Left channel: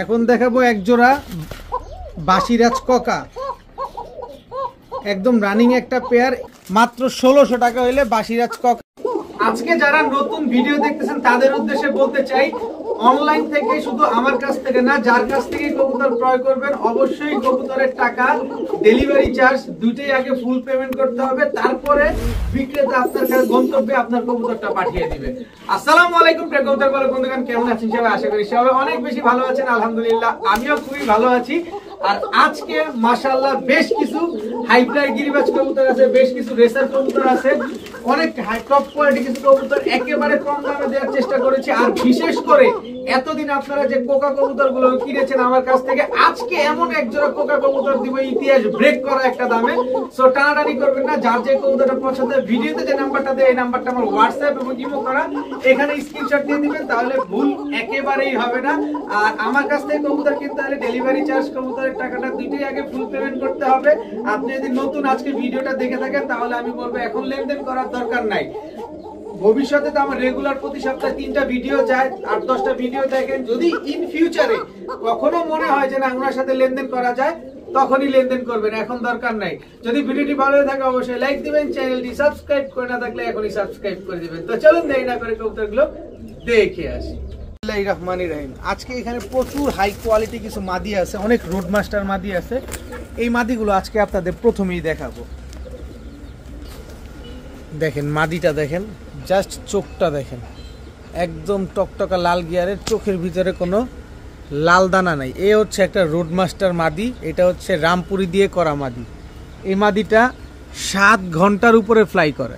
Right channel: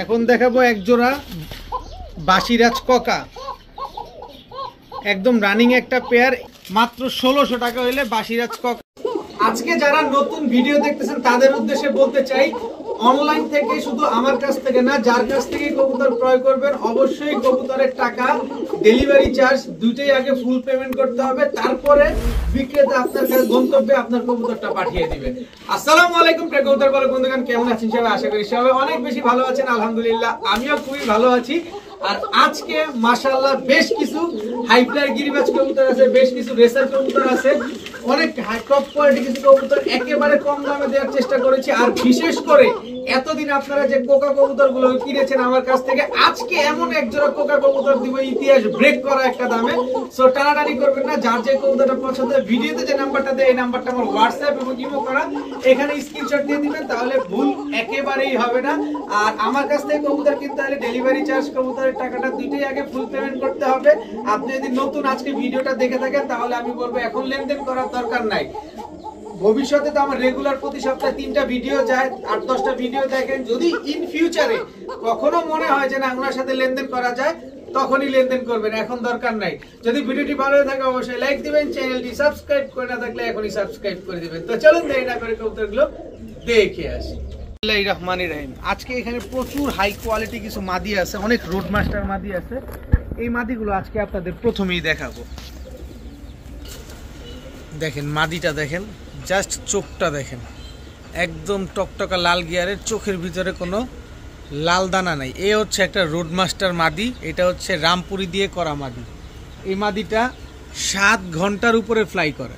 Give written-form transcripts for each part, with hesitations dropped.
এখন দেখাবো এক জোড়া বাসিরাজ কোকা, একদম রানিং একটা পেয়ার, মাত্র 1600 টাকা হইলে বাসিরাজ কোকা। আজকে যারা নতুন ভিডিও দেখতেছেন তাদের উদ্দেশ্যে বলতে চাই, অনলাইন থেকে শুধু আমার কাছ থেকে না, যার কাছ থেকে কবুতর ক্রয় করবেন অবশ্যই কবুতরের টাকা, ডেলিভারি চার্জ দুইটাই আগে ফুল পেমেন্ট করতে হবে, তারপরে বিক্রেতা আপনার কাছে গন্তব্যে আপনার কবুতরটা পাঠিয়ে দিবে। আসসালামু আলাইকুম প্রিয় কবুতর পালক বন্ধুগণ, কেমন আছেন সবাই? আশা করি সবাই অনেক বেশি ভালো আছেন। আলহামদুলিল্লাহ আমিও খুবই ভালো আছি। আর আজকে মাশাআল্লাহ বেশ কিছু হাইফ্লাই গিরিবাজ কবুতর আছে, বেশ কিছু রেসার কবুতর আছে, অনেক হাই টপ কোয়ালিটি কিছু কবুতর একেবারে কম দামে দেওয়ার চেষ্টা করেছি। আর বিশেষ করে এতদিন আপনারা যে কোকা কবুতর গুলো কিনেছেন আমার কাছ থেকে, আজকে এমন এক জোড়া কোকা কবুতর দিব ইতিহাস ব্রেক করা একটা দামে। সো টানাটানি করবেন না, যার যে কবুতরটা পছন্দ, ভিডিওতে যে নাম্বারটা দেয় এই নাম্বারটা আমার হোয়াটসঅ্যাপ এবং ইমো করা, এখানে স্ক্রিনশট দিয়ে দিবেন, তাহলে ভুল একেবারেই হবে না। আর আমার কাছ থেকে কবুতর কিনতে হলে ডেলিভারি চার্জ, কবুতরের টাকাটা দুইটাই আগে ফুল পেমেন্ট করতে হবে। আপনি যদি নতুন আজকে ভিডিওটা দেখে থাকেন তাহলে আমি বলবো এখন লেনদেন করার দরকার নাই। ভবিষ্যতে তো আমার রেগুলার প্রতি সপ্তাহে 3টা ভিডিও যায়, 8-10টা ভিডিও দেখেন। যদি ইন ফিউচারে কখনো মনে হয় যে না ওনার সাথে লেনদেন করা যায়, তখনই লেনদেন করবেন, এখন দরকার নাই। যদি ভিডিওটি ভালো থাকে অবশ্যই লাইক দিবেন, চ্যানেলটি সাবস্ক্রাইব করে না থাকলে এখনই সাবস্ক্রাইব করে দিবেন। তো চলুন দেরি না করে কবুতরগুলো দেখে আসি। বিসমিল্লাহির রহমানির রহিম। আজকে এখানে প্রচুর হাই কোয়ালিটি কিছু মাদি আছে, অনেক রোড মাস্টার মাদি আছে। এই মাদিগুলো আজকে আপনাদের প্রথমেই দেখাবো। দেখেন মাদিটা দেখেন, জাস্ট চোখটা দেখেন, একদম টকটকা লাল গিয়ারের, চোখের ভিতরে কোনো লাল দানা নাই। এ হচ্ছে একটা রোড মাস্টার মাদি, এটা হচ্ছে রামপুরি দিয়ে করা মাদি। এই মাদিটা 7 ঘন্টার উপরে ফ্লাই করে,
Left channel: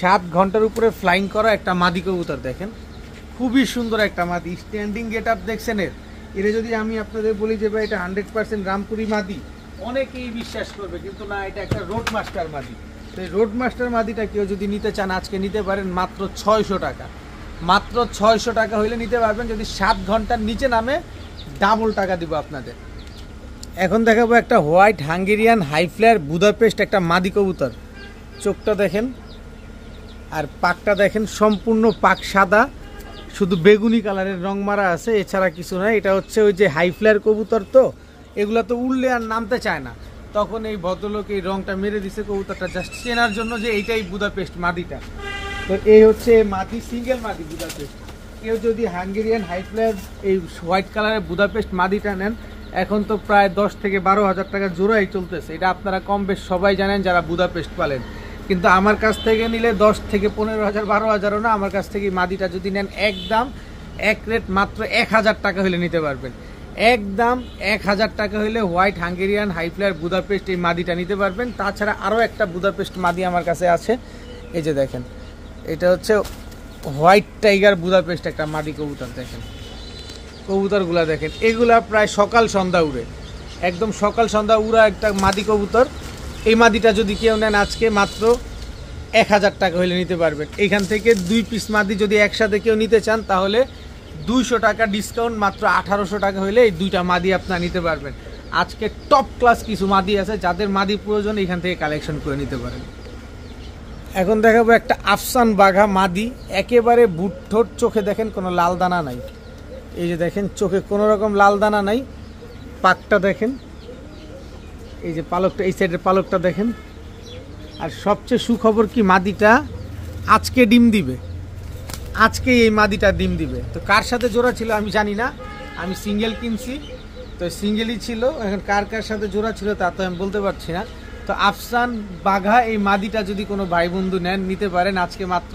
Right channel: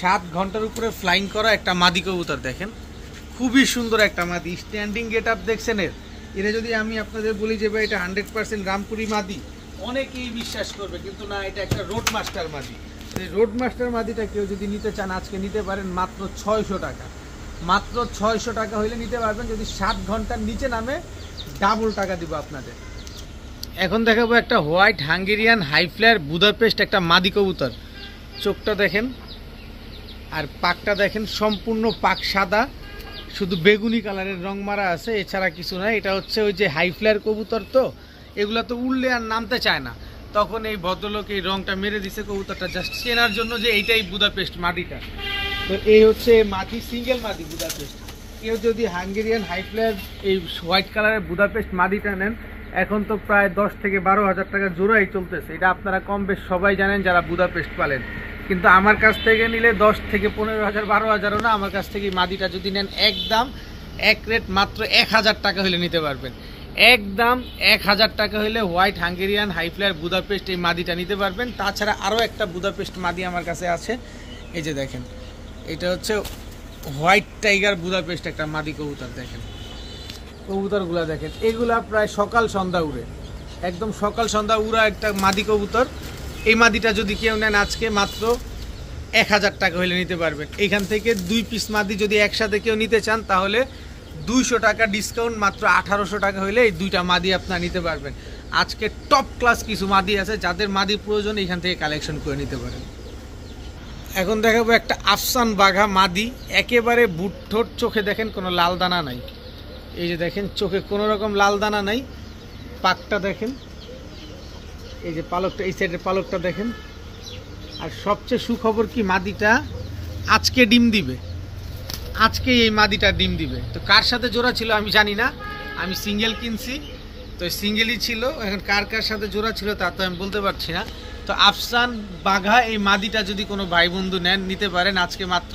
7 ঘন্টার উপরে ফ্লাইং করা একটা মাদি কবুতর। দেখেন খুবই সুন্দর একটা মাদি, স্ট্যান্ডিং গেট আপ দেখছেন এর। এটা যদি আমি আপনাদের বলি যে ভাই এটা 100% রামপুরি মাদি, অনেকেই বিশ্বাস করবে, কিন্তু না, এটা একটা রোড মাস্টার মাদি। এই রোড মাস্টার মাদিটা কেউ যদি নিতে চান আজকে নিতে পারেন মাত্র 600 টাকা, মাত্র 600 টাকা হইলে নিতে পারবেন। যদি 7 ঘন্টার নিচে নামে ডাবল টাকা দিব আপনাদের। এখন দেখাবো একটা হোয়াইট হাঙ্গেরিয়ান হাইফ্লায়ার বুদাপেস্ট একটা মাদি কবুতর। চোখটা দেখেন আর পাকটা দেখেন, সম্পূর্ণ পাক সাদা, শুধু বেগুনি কালারের রং মারা আছে, এছাড়া কিছু নয়। এটা হচ্ছে ওই যে হাইফ্লায়ার কবুতর, তো এগুলো তো উড়লে আর নামতে চায় না, তখন এই ভদ্রলোক এই রংটা মেরে দিছে কবুতরটা জাস্ট চেনার জন্য যে এইটাই বুদাপেস্ট মাদিটা। তো এই হচ্ছে মাদি, সিঙ্গেল মাদি বুদাপেস্ট। কেউ যদি হাঙ্গেরিয়ান হাইফ্লায়ার এই হোয়াইট কালারের বুদাপেস্ট মাদিটা নেন, এখন তো প্রায় 10 থেকে 12 হাজার টাকা জোড়াই চলতেছে। এটা আপনারা কম বেশ সবাই জানেন যারা বুদাপেস্ট পালেন। কিন্তু আমার কাছ থেকে নিলে 10 থেকে 15,000, 12,000ও না, আমার কাছ থেকে মাদিটা যদি নেন একদম এক রেট মাত্র 1000 টাকা হলে নিতে পারবেন। একদম 1000 টাকা হলে হোয়াইট হাঙ্গেরিয়ান হাইফ্লায়ার বুদাপেস্ট এই মাদিটা নিতে পারবেন। তাছাড়া আরও একটা বুদাপেস্ট মাদি আমার কাছে আছে, এই যে দেখেন, এটা হচ্ছে হোয়াইট টাইগার বুদাপেস্ট একটা মাদি কবুতর। দেখেন কবুতরগুলা দেখেন, এগুলা প্রায় সকাল সন্ধ্যা উড়ে, একদম সকাল সন্ধ্যা উড়া একটা মাদি কবুতর। এই মাদিটা যদি কেউ নেন আজকে মাত্র 1000 টাকা হলে নিতে পারবেন। এখান থেকে 2 পিস মাদি যদি একসাথে কেউ নিতে চান তাহলে 200 টাকা ডিসকাউন্ট, মাত্র 1800 টাকা হলে এই 2টা মাদি আপনারা নিতে পারবেন। আজকে টপ ক্লাস কিছু মাদি আছে, যাদের মাদি প্রয়োজন এখান থেকে কালেকশন করে নিতে পারেন। এখন দেখাবো একটা আফসান বাঘা মাদি, একেবারে বুট ঠোঁট, চোখে দেখেন কোনো লাল দানা নাই, এই যে দেখেন চোখে কোনো রকম লাল দানা নাই। পাকটা দেখেন, এই যে পালকটা, এই সাইডের পালকটা দেখেন। আর সবচেয়ে সুখবর কি, মাদিটা আজকে ডিম দিবে, আজকে এই মাদিটা ডিম দিবে। তো কার সাথে জোড়া ছিল আমি জানি না, আমি সিঙ্গেল কিনছি, তো সিঙ্গেলই ছিল। এখন কার কার সাথে জোড়া ছিল তা তো আমি বলতে পারছি না। তো আফসান বাঘা এই মাদিটা যদি কোনো ভাই বন্ধু নেন নিতে পারেন, আজকে মাত্র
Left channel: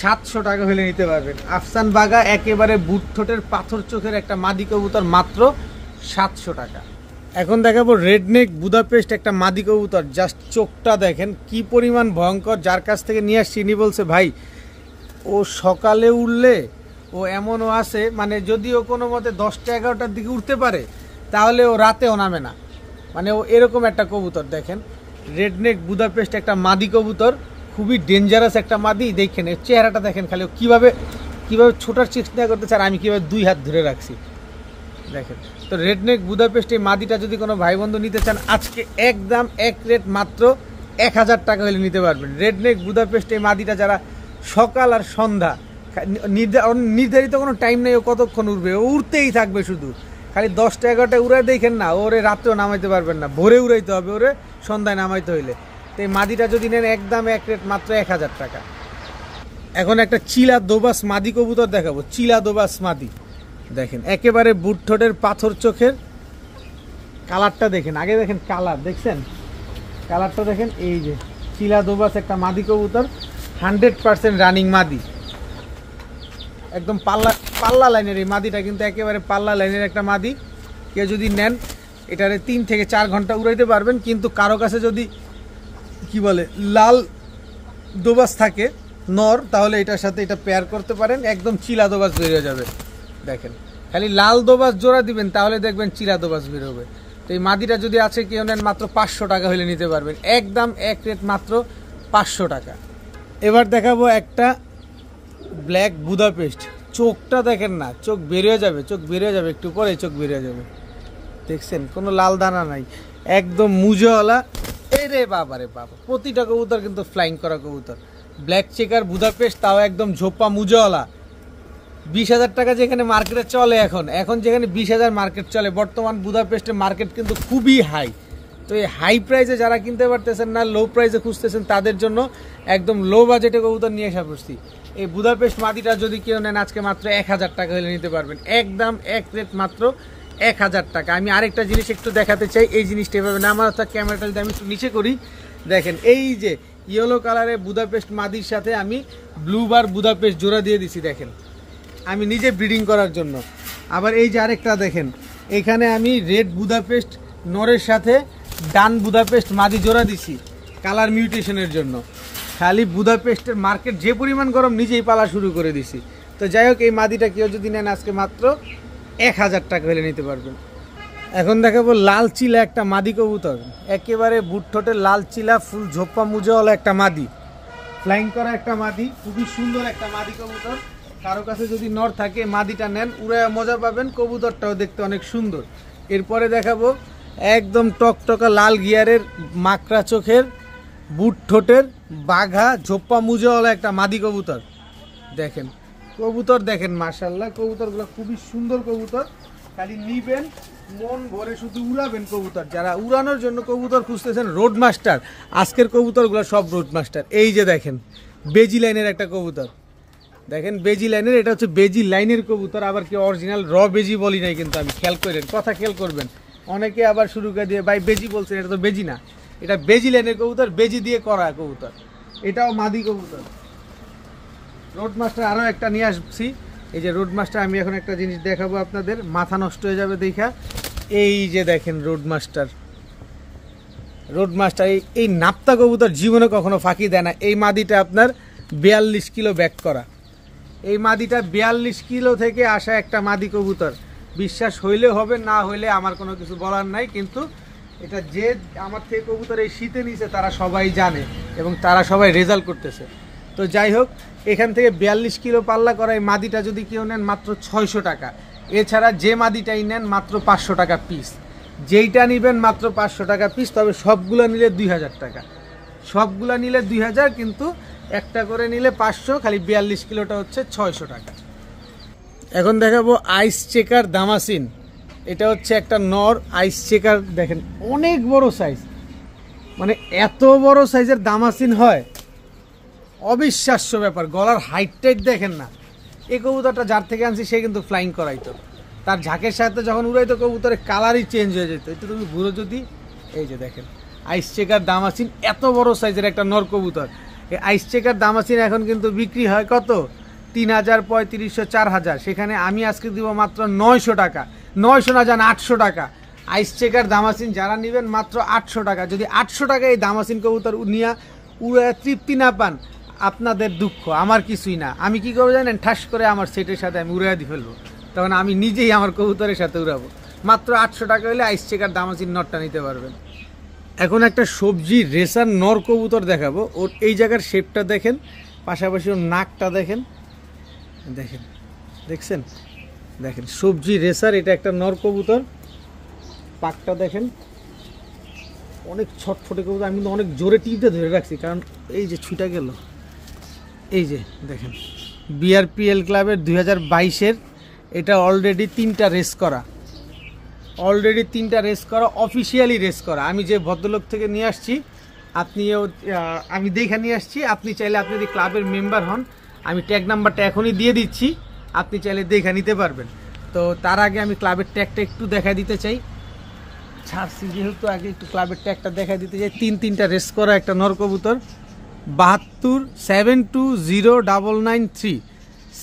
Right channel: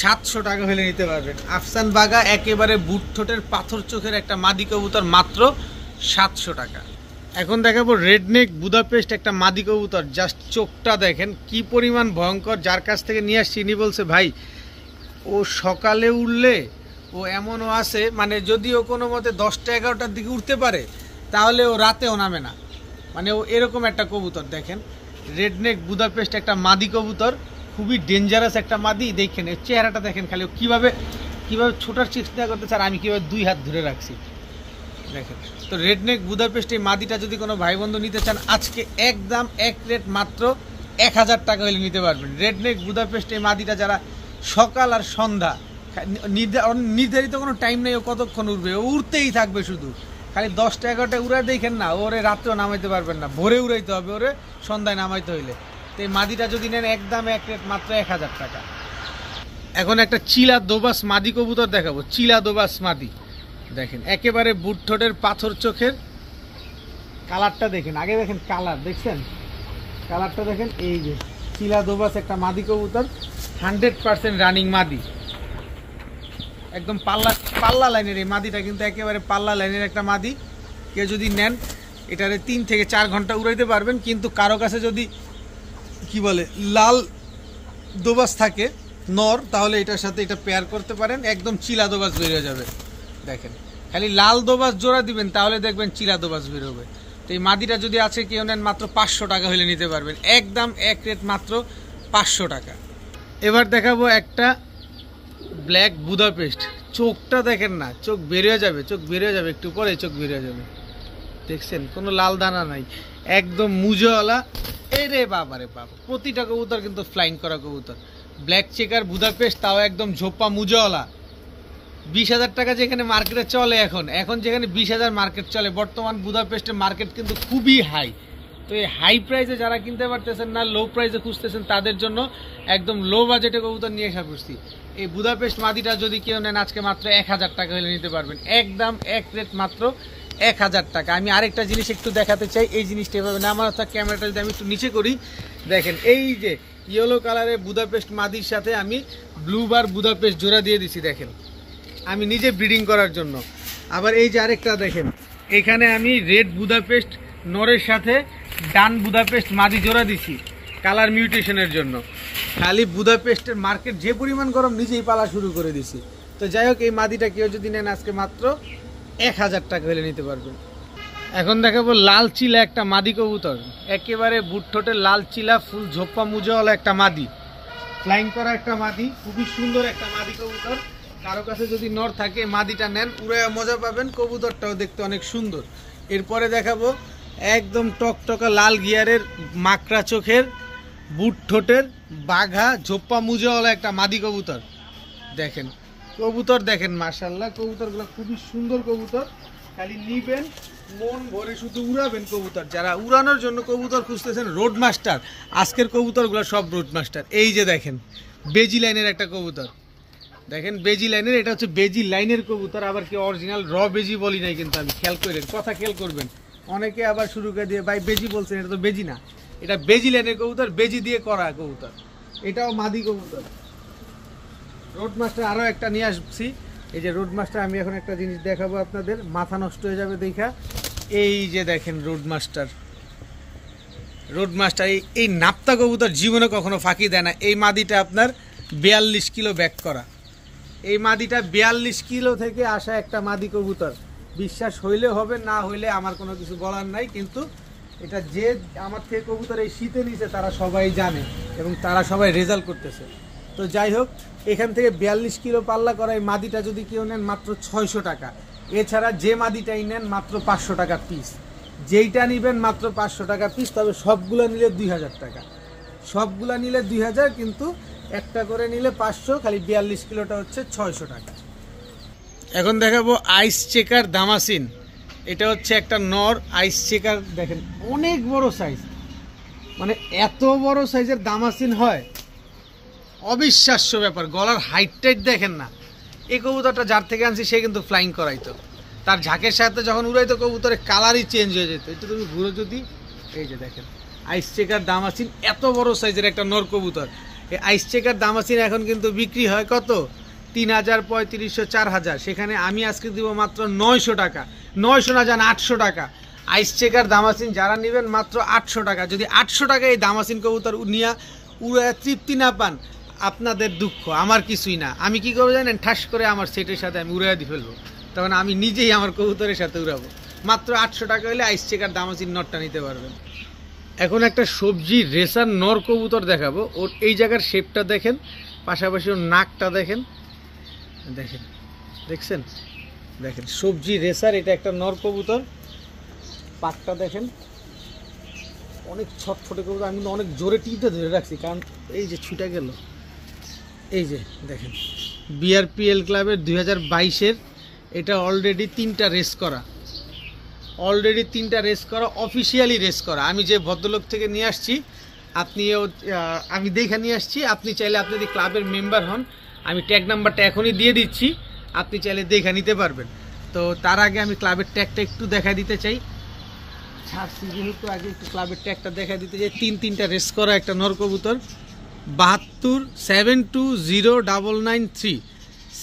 700 টাকা হলে নিতে পারবেন। আফসান বাঘা একেবারে বুট ঠোঁটের পাথর চোখের একটা মাদি কবুতর, মাত্র 700 টাকা। এখন দেখাবো রেডনেক বুদাপেস্ট একটা মাদি কবুতর, জাস্ট চোখটা দেখেন কি পরিমাণ ভয়ঙ্কর। যার কাছ থেকে নিয়ে আসছি ইনি বলছে ভাই ও সকালে উঠলে ও এমনও আছে, মানে যদিও কোনো মতে 10টা 11টার দিকে উঠতে পারে তাহলে ও রাতেও নামে না, মানে ও এরকম একটা কবুতর। দেখেন রেডনেক বুদাপেস্ট একটা মাদি কবুতর, খুবই ডেঞ্জারাস একটা মাদি। দেখেন এর চেহারাটা দেখেন, খালি কিভাবে ছোটার চেষ্টা করতেছে আর আমি কীভাবে 2 হাত ধরে রাখছি দেখেন। তো রেডনেক বুদাপেস্ট এই মাদিটা যদি কোনো ভাই বন্ধু নিতে চান আজকে একদম এক রেট মাত্র 1000 টাকা হলে নিতে পারবেন। রেডনেক বুদাপেস্ট এই মাদিটা যারা সকাল আর সন্ধ্যা নির্ধারিত কোনো টাইম নেই ও কতক্ষণ উড়বে, ও উড়তেই থাকবে শুধু। খালি 10টা 11টা উড়াই দেখেন না, ওরে রাত্রেও নামাইতে পারবেন না, ভোরে উড়াইতে হবে ওরে সন্ধ্যায় নামাইতে হইলে। তো এই মাদিটা যদি নেন একদম এক রেট মাত্র 1000 টাকা। এখন একটা চিলা দোবাস মাদি কবুতর দেখাবো, চিলা দোবাস মাদি দেখেন, একেবারে বুট ঠোঁটের পাথর চোখের, কালারটা দেখেন আগে, দেখেন কালার দেখছেন, কালারটা দেখেন। এই যে চিলা দোবাস একটা মাদি কবুতর, 100% রানিং মাদি, একদম পাল্লা লাইনের এই মাদিটা, কিন্তু একেবারে পাল্লা লাইনের একটা মাদি। কেউ যদি নেন এটারে 3 থেকে 4 ঘন্টা উড়াইতে পারবেন। কিন্তু কারো কাছে যদি কি বলে লাল দোবাস থাকে নর, তাহলে এটার সাথে এটা পেয়ার করতে পারেন, একদম চিলা দোবাস বেরিয়ে যাবে। দেখেন খালি লাল দোবাস জোড়া দিবেন তাহলে দেখবেন চিলা দোবাস বের হবে। তো এই মাদিটা যদি আছে কেউ নেন মাত্র 500 টাকা হলে নিতে পারবেন, একদম এক রেট মাত্র 500 টাকা। এবার দেখাবো একটা ব্ল্যাক বুদাপেস্ট, চোখটা দেখেন না, চোখ বেরিয়ে যাবে, চোখ বেরিয়ে যাবে, একটু পরে চোখ বেরিয়ে যাবে। দেখছেন কোনো লাল দানা নাই, একদম মুজোওয়ালা। এরে বাবা রে বাবা, প্রতিটা কবুতর কিন্তু ফ্লাইং করা কবুতর, ব্ল্যাক চেকার বুদাপেস্ট, তাও একদম ঝোপা মুজোওয়ালা। 20,000 টাকা যেখানে মার্কেটে চলে, এখন যেখানে 20,000 মার্কেট চলে, বর্তমান বুদাপেস্টের মার্কেট কিন্তু খুবই হাই। তো এই হাই প্রাইসে যারা কিনতে পারতেছেন না, লো প্রাইসে খুঁজতেছেন, তাদের জন্য একদম লো বাজেটে কবুতর নিয়ে আসা পড়ছি। এই বুদাপেস্ট মাদিটা যদি কেউ নেন আজকে মাত্র 1000 টাকা হলে নিতে পারবেন, একদম এক রেট মাত্র 1000 টাকা। আমি আরেকটা জিনিস একটু দেখাতে চাই, এই জিনিসটা এভাবে না, আমার অর্থাৎ ক্যামেরাটা যদি আমি একটু নিচে করি, দেখেন এই যে ইয়েলো কালারের বুদাপেস্ট মাদির সাথে আমি ব্লু বার বুদাপেস্ট জোড়া দিয়ে দিছি, দেখেন আমি নিজে ব্রিডিং করার জন্য। আবার এই যে আরেকটা দেখেন, এখানে আমি রেড বুদাপেস্ট নরের সাথে ডান বুদাপেস্ট মাদি জোড়া দিছি কালার মিউটেশনের জন্য। খালি বুদাপেস্টের মার্কেট যে পরিমাণ গরম, নিজেই পালা শুরু করে দিছি। তো যাই হোক, এই মাদিটা কেউ যদি নেন আজকে মাত্র 1000 টাকা হলে নিতে পারবেন। এখন দেখাবো লাল চিলা একটা মাদি কবুতর, একেবারে বুট ঠোঁটের লাল চিলা, ফুল ঝোপ্পা মুজোওয়ালা একটা মাদি, ফ্লাইং করা একটা মাদি, খুবই সুন্দর একটা মাদি কবুতর। কারো কাছে যদি নর থাকে মাদিটা নেন, উড়ায় মজা পাবেন, কবুতরটাও দেখতে অনেক সুন্দর। এরপরে দেখাবো একদম টকটকা লাল গিয়ারের মাকড়া চোখের বুট ঠোঁটের বাঘা ঝোপ্পা মুজোওয়ালা একটা মাদি কবুতর। দেখেন কবুতর দেখেন, মাশাআল্লাহ কবুতরগুলো খুবই সুন্দর কবুতর, খালি নিবেন মন ভরে শুধু উড়াবেন কবুতর। যারা উড়ানোর জন্য কবুতর খুঁজতেছেন, রোড মাস্টার, আজকের কবুতরগুলো সব রোড মাস্টার। এই যে দেখেন বেজি লাইনের একটা কবুতর, দেখেন বেজি লাইনের, এটা হচ্ছে বেজি লাইনের কবুতর, আবার কি অরিজিনাল র বেজি বলি নাই কিন্তু আমি, খেয়াল করেন, কথা খেয়াল করবেন। অনেকে আবার শুরু করে দিয়ে ভাই বেজি বলছেন, এটা তো বেজি না, এটা বেজি লাইনের কবুতর, বেজি দিয়ে করা কবুতর, এটাও মাদি কবুতর। রোড মাস্টার আরও একটা নিয়ে আসছি, এই যে রোড মাস্টার, আমি এখন একটা জিনিস দেখাবো আপনাদের, মাথা নষ্ট হয়ে যাবে দেখা। এই যে দেখেন রোড মাস্টার, রোড মাস্টার এই নাপ্তা কবুতর জীবনে কখনো ফাঁকি দেয় না। এই মাদিটা আপনার 42 কিলো ব্যাক করা, এই মাদিটা 42 কিলো থেকে আসা একটা মাদি কবুতর। বিশ্বাস হইলে হবে, না হইলে আমার কোনো কিছু বলার নাই, কিন্তু এটা যে আমার থেকে কবুতর এই শীতে নিছে তারা সবাই জানে এবং তারা সবাই রেজাল্ট করতেছে। তো যাই হোক, এখান থেকে 42 কিলো পাল্লা করা এই মাদিটা যদি কেউ নেন মাত্র 600 টাকা। এছাড়া যে মাদিটাই নেন মাত্র 500 টাকা পিস, যেইটা নেবেন মাত্র 500 টাকা পিস। তবে সবগুলো নিলে 2000 টাকা, সবগুলো নিলে 2000, কিন্তু একটা করে নিলে 500, খালি 42 কিলোটা হচ্ছে 600 টাকা। এখন দেখাবো আইস চেকার দামাসিন, এটা হচ্ছে একটা নর আইস চেকার, দেখেন অনেক বড় সাইজ, মানে এত বড় সাইজের দামাসিন হয় অবিশ্বাস্য ব্যাপার। গলার হাইট টাইট দেখেন না, এই কবুতরটা যার থেকে আনছি সে কিন্তু ফ্লাইং করাইতো, তার ঝাঁকের সাথে যখন উড়াইতো কবুতরের কালারই চেঞ্জ হয়ে যেত। একটু তুমি ঘুরে যদি, এই যে দেখেন আইস চেকার দামাসিন, এত বড় সাইজের একটা নর কবুতর। এই আইস চেকার দামাসিন এখন কিন্তু বিক্রি হয় কত, 3000, 3500, 4000, সেখানে আমি আজকে দিব মাত্র 900 টাকা, 900 না যান 800 টাকা। আইস চেকার দামাসিন যারা নেবেন মাত্র 800 টাকা। যদি 800 টাকা এই দামাসিন কবুতর নিয়ে উড়ে তৃপ্তি না পান, আপনাদের দুঃখ, আমার কিছুই না। আমি কি করবো জানেন, ঠাস করে আমার সেটের সাথে আমি উড়াই দিয়ে ফেলবো, তখন আমি নিজেই আমার কবুতরের সাথে উড়াবো। মাত্র 800 টাকা হলে আইস চেকার দামাসিন নরটা নিতে পারবেন। এখন একটা সবজি রেসার নর কবুতর দেখাবো, ওর এই জায়গার শেপটা দেখেন, পাশাপাশি ওর নাকটা দেখেন, দেখেন দেখছেন, দেখেন সবজি রেসার, এটা একটা নর কবুতর, পাকটা দেখেন অনেক ছটফটে কবুতর। আমি অনেক জোরে টিপতে ধরে রাখছি, কারণ এই যে ছুটা গেল, এই যে দেখেন বিআরপিএল ক্লাবের 2022-এর। এটা অলরেডি 3টা রেস করা, অফিসিয়ালি রেস করা। আমি যে ভদ্রলোক থেকে নিয়ে আসছি, আমি দেখে নিয়ে আসছি। আপনি চাইলে, আপনি যদি ক্লাবের মেম্বার হন, আমি ট্যাগ নাম্বারটা এখনই দিয়ে দিচ্ছি, আপনি চাইলে দেখে নিতে পারবেন। তো তার আগে আমি ক্লাবের ট্যাগটা একটু দেখা দিতে চাই। যেহেতু আগে একটু ক্লাবের ট্যাগটা দেখা দিতে চাই। 3টা রেস করা একটা নর কবুতর, 72 7209993,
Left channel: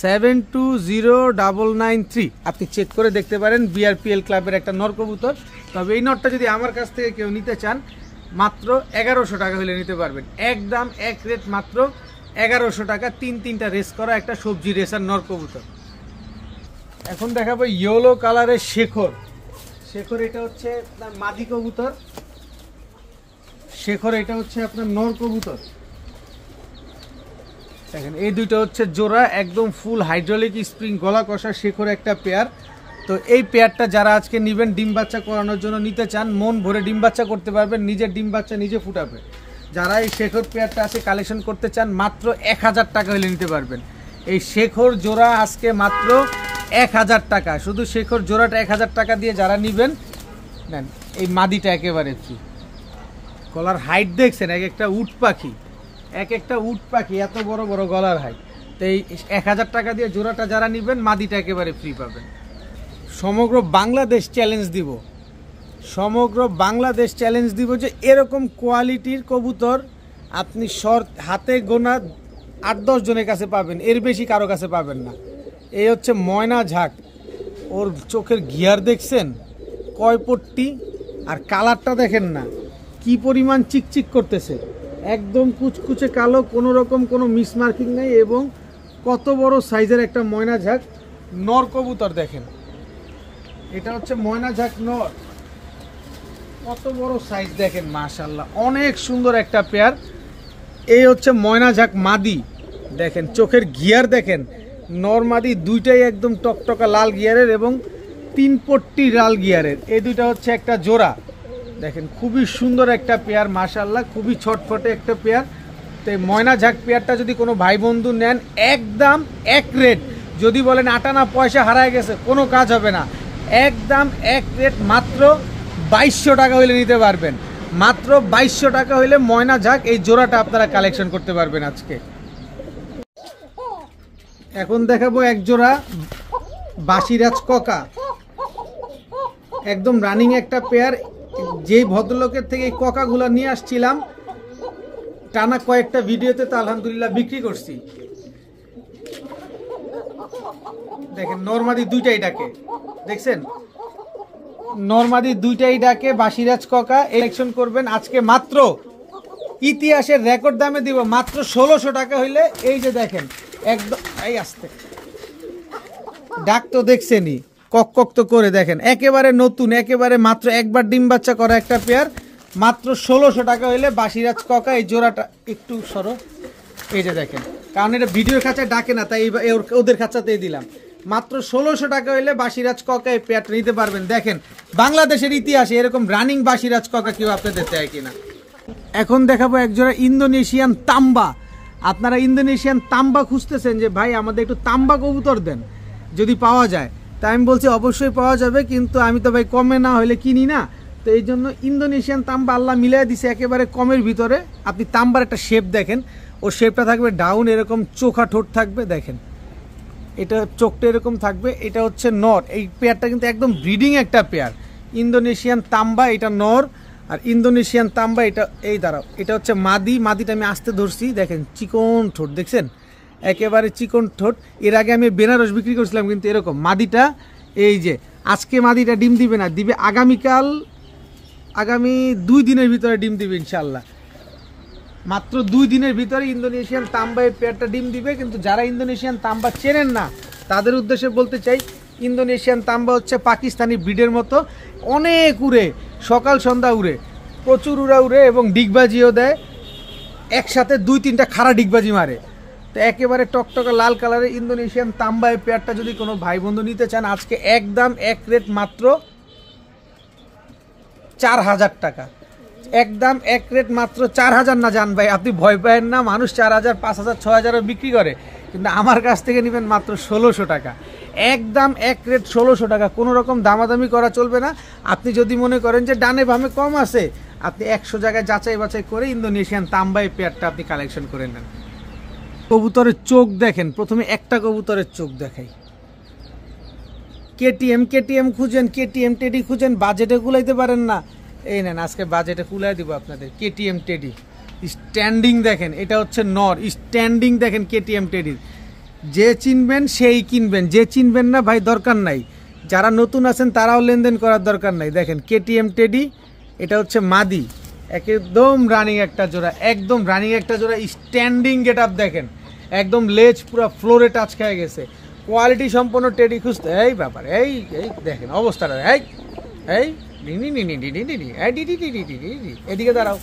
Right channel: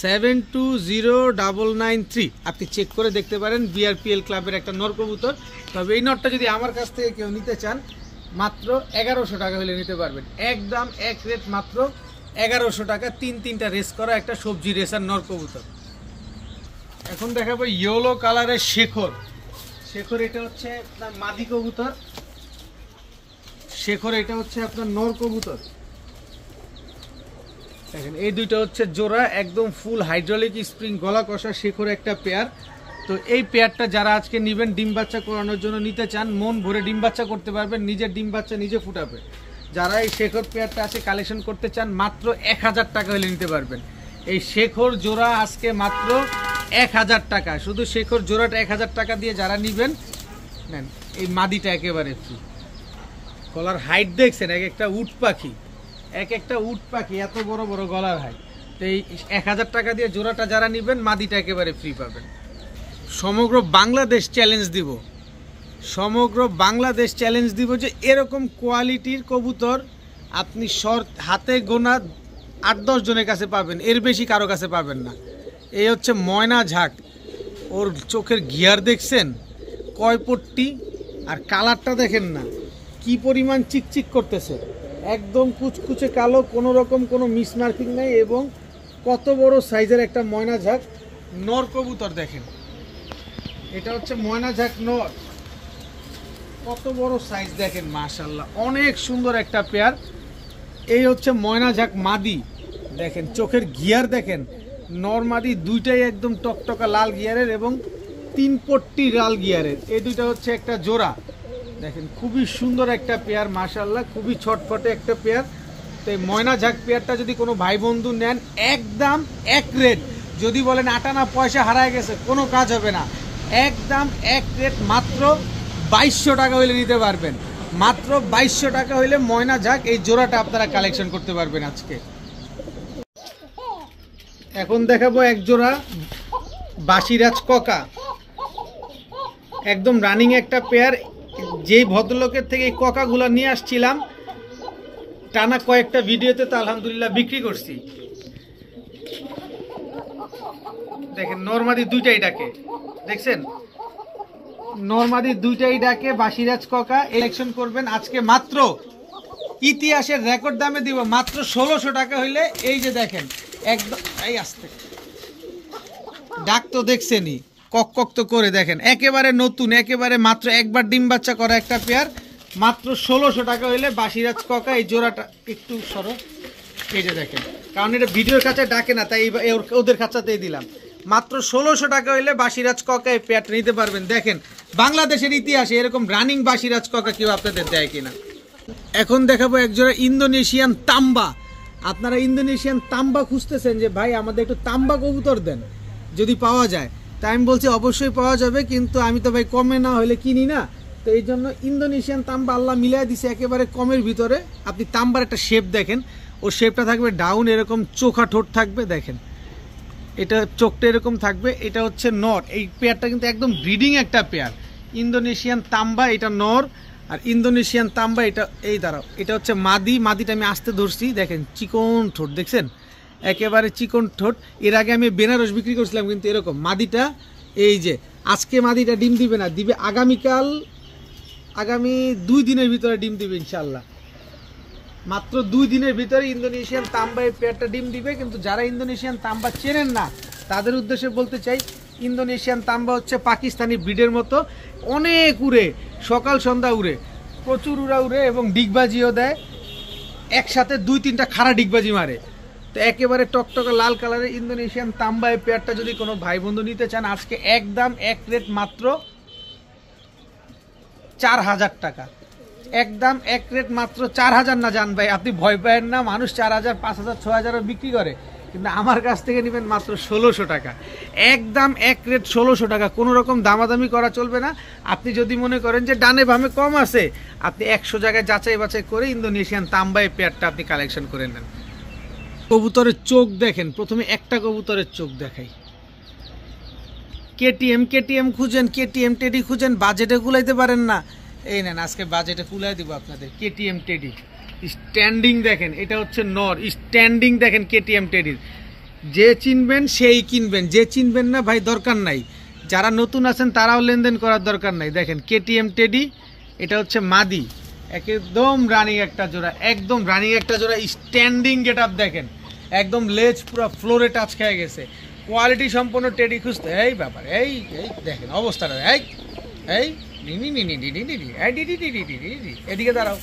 7209993। আপনি চেক করে দেখতে পারেন, বিআরপিএল ক্লাবের একটা নর কবুতর। তবে এই নটটা যদি আমার কাছ থেকে কেউ নিতে চান, মাত্র 1100 টাকা হলে নিতে পারবেন। একদম এক রেট, মাত্র 1100 টাকা। 3টা রেস করা একটা সবজি রেসার নর কবুতর। এখন দেখাবো ইয়েলো কালারের শেখর। এটা হচ্ছে আপনার মাদি কবুতর। এটা হচ্ছে আপনার নর কবুতর। দেখেন, এই দুইটা হচ্ছে জোড়া, একদম ফুল হাইড্রোলিক স্প্রিং গলা কষা শেখর একটা পেয়ার। তো এই পেয়ারটা যারা আজকে নেবেন, ডিম বাচ্চা করানোর জন্য নিতে চান, মন ভরে ডিম বাচ্চা করতে পারবেন, নিজের ডিম বাচ্চা নিজে ফুটাবে। যারা এই শেখর পেয়ারটা আছে কালেকশন করতে চান, মাত্র 1000 টাকা হলে নিতে পারবেন। এই শেখর জোড়া আজকে মাত্র 1000 টাকা। শুধু শেখর জোড়াটা 1000 টাকা দিয়ে যারা নেবেন, নেন। এই মাদিটা একেবারে ফ্রি। গলার হাইট দেখছেন, এক একটা উট পাখি, এত বড় বড় গলার হাইট। তো এই 1000 টাকা দিয়ে জোড়াটা যারা নেবেন, মাদিটা একেবারে ফ্রি পাবেন। সমগ্র বাংলাদেশ চ্যালেঞ্জ দিব যে এরকম কোয়ালিটির কবুতর আপনি হাতে গোনা 8-10 জনের কাছে পাবেন, এর বেশি কারো কাছে পাবেন না। এই হচ্ছে ময়না ঝাঁক। ওর চোখের গিয়ার দেখছেন, কয় পট্টি, আর কালারটা দেখেন না কি পরিমাণ চিকচিক করতেছে, একদম কুচকুচে কালো, কোনো রকম কোনো মিসমার্কিং নাই। এবং কত বড় সাইজের একটা ময়না ঝাঁক নর কবুতর দেখেন। এটা হচ্ছে ময়না ঝাঁক নর, কত বড় সাইজ দেখেন, মাশাআল্লাহ, অনেক সুন্দর একটা পেয়ার। এই হচ্ছে ময়না ঝাঁক মাদি। দেখেন চোখের গিয়ার দেখেন, নর মাদি দুইটাই একদম টকটকা লাল গিয়ারের এবং 3 পট্টি লাল গিয়ারের। এই দুইটা হচ্ছে একটা জোড়া। দেখেন খুবই সুন্দর একটা পেয়ার, মাশাআল্লাহ, খুবই ছটফটে একটা পেয়ার। তো এই ময়না ঝাঁক পেয়ারটা যদি কোনো ভাই বন্ধু নেন, একদম এক রেট। যদি বলেন আটানা পয়সা হারায় গেছে, কোনো কাজ হবে না। একদম এক রেট, মাত্র 2200 টাকা হইলে নিতে পারবেন। মাত্র 2200 টাকা হইলে ময়না ঝাঁক এই জোড়াটা আপনারা কালেকশন করতে পারবেন আজকে। এখন দেখাবো এক জোড়া বাসিরাজ ককা, একদম রানিং একটা পেয়ার। যেই ভদ্রলোকের থেকে এই ককাগুলা নিয়ে আসছিলাম, টানা কয়েকটা ভিডিওতে তো আলহামদুলিল্লাহ বিক্রি করছি। দেখেন নরমাদি দুইটাই ডাকে, দেখছেন নরমাদি দুইটাই ডাকে। বাসিরাজ ককা ইলেকশন করবেন আজকে, মাত্র ইতিহাসের রেকর্ড দামে দিব, মাত্র 1600 টাকা হইলে। এই যে দেখেন, একদম এই আসতে ডাক তো দেখছেনই, কক তো করে দেখেন, একেবারে নতুন, একেবারে মাত্র একবার ডিম বাচ্চা করা একটা পেয়ার। মাত্র 1600 টাকা হইলে বাসিরাজ ককা এই জোড়াটা। একটু সরো, এই যে দেখেন, কারণ এটা ভিডিওর কাছে ডাকে না, তাই ওদের কাছাতেই দিলাম। মাত্র 1600 টাকা হইলে বাসিরাজ ককা এই পেয়ারটা নিতে পারবেন। দেখেন বাংলাদেশের ইতিহাসে এরকম রানিং বাসিরাজ ককা কেউ আপনাদের দেয় কিনা। এখন দেখাবো একজোড়া ইন্দোনেশিয়ান তাম্বা। আপনারা ইন্দোনেশিয়ান তাম্বা খুঁজতেছেন যে ভাই আমাদের একটু তাম্বা কবুতর দেন যদি পাওয়া যায়, তাই আমি বলছি অবশ্যই পাওয়া যাবে, কিন্তু আমি তো ভাই কমে না হলে কিনি না। তো এই জন্য ইন্দোনেশিয়ান তাম্বা আল্লাহ মিলাই দিছে একেবারে কমের ভিতরে। আপনি তাম্বার একটা শেপ দেখেন, ওর শেপটা থাকবে ডাউন, এরকম চোখা ঠোঁট থাকবে, দেখেন এটা চোখটা এরকম থাকবে। এটা হচ্ছে নর। এই পেয়ারটা কিন্তু একদম ব্রিডিং একটা পেয়ার। ইন্দোনেশিয়ান তাম্বা এটা নর, আর ইন্দোনেশিয়ান তাম্বা এটা, এই দাঁড়াও, এটা হচ্ছে মাদি। মাদিটা আমি আস্তে ধরছি, দেখেন চিকন ঠোঁট দেখছেন, একেবারে চিকন ঠোঁট। এর আগে আমি বেনারস বিক্রি করছিলাম কিন্তু এরকম। মাদিটা এই যে আজকে মাদিটা ডিম দিবে না, দিবে আগামীকাল, আগামী 2 দিনের ভিতরে ডিম দিবে ইনশাল্লাহ। মাত্র 2 দিনের ভিতরে ইন্দোনেশিয়ান তাম্বা এই পেয়ারটা ডিম দিবে। কিন্তু যারা ইন্দোনেশিয়ান তাম্বা চেনেন না, তাদের উদ্দেশ্যে বলতে চাই, ইন্দোনেশিয়ান তাম্বা হচ্ছে পাকিস্তানি ব্রিডের মতো, অনেক উড়ে, সকাল সন্ধ্যা উড়ে, প্রচুর উড়ে এবং ডিগবাজিও দেয়, একসাথে 2-3টা খাড়া ডিগবাজি মারে। তো একেবারে টকটকা লাল কালারের ইন্দোনেশিয়ান তাম্বা এই পেয়ারটা যদি কোনো ভাই বন্ধু নিতে চান, আজকে একদম এক রেট, মাত্র 4000 টাকা। একদম এক রেট, মাত্র 4000 না জান ভাই, আপনি ভয় পায়েন না, মানুষ 4000, 5000, 6000 বিক্রি করে, কিন্তু আমার কাছ থেকে নেবেন মাত্র 1600 টাকা, একদম এক রেট 1600 টাকা, কোনো রকম দামাদামি করা চলবে না। আপনি যদি মনে করেন যে ডানে বামে কম আছে, আপনি 100 জায়গায় যাচাই বাছাই করে ইন্দোনেশিয়ান তাম্বাই পেয়ারটা আপনি কালেকশন করে নেন। কবুতরের চোখ দেখেন, প্রথমে একটা কবুতরের চোখ দেখাই। কেটিএম খুঁজেন, কেটিএম টেডি খুঁজেন, বাজেটে কুলাইতে পারেন না, এই নেন আজকে বাজেটে কুলাই দিব আপনাদের। কেটিএম টেডি স্ট্যান্ডিং দেখেন, এটা হচ্ছে নর, স্ট্যান্ডিং দেখেন কেটিএম টেডির। যে চিনবেন সেই কিনবেন, যে চিনবেন না ভাই দরকার নাই। যারা নতুন আছেন তারাও লেনদেন করার দরকার নাই। দেখেন কেটিএম টেডি, এটা হচ্ছে মাদি, একদম রানিং একটা জোড়া, একদম রানিং একটা জোড়া। স্ট্যান্ডিং গেট আপ দেখেন, একদম লেজ পুরো ফ্লোরে টাচ খেয়ে গেছে। কোয়ালিটি সম্পন্ন টেডি খুঁজতে এই ব্যাপার, এই এই দেখেন অবস্থাটা, এই এই এদিকে দাঁড়াও,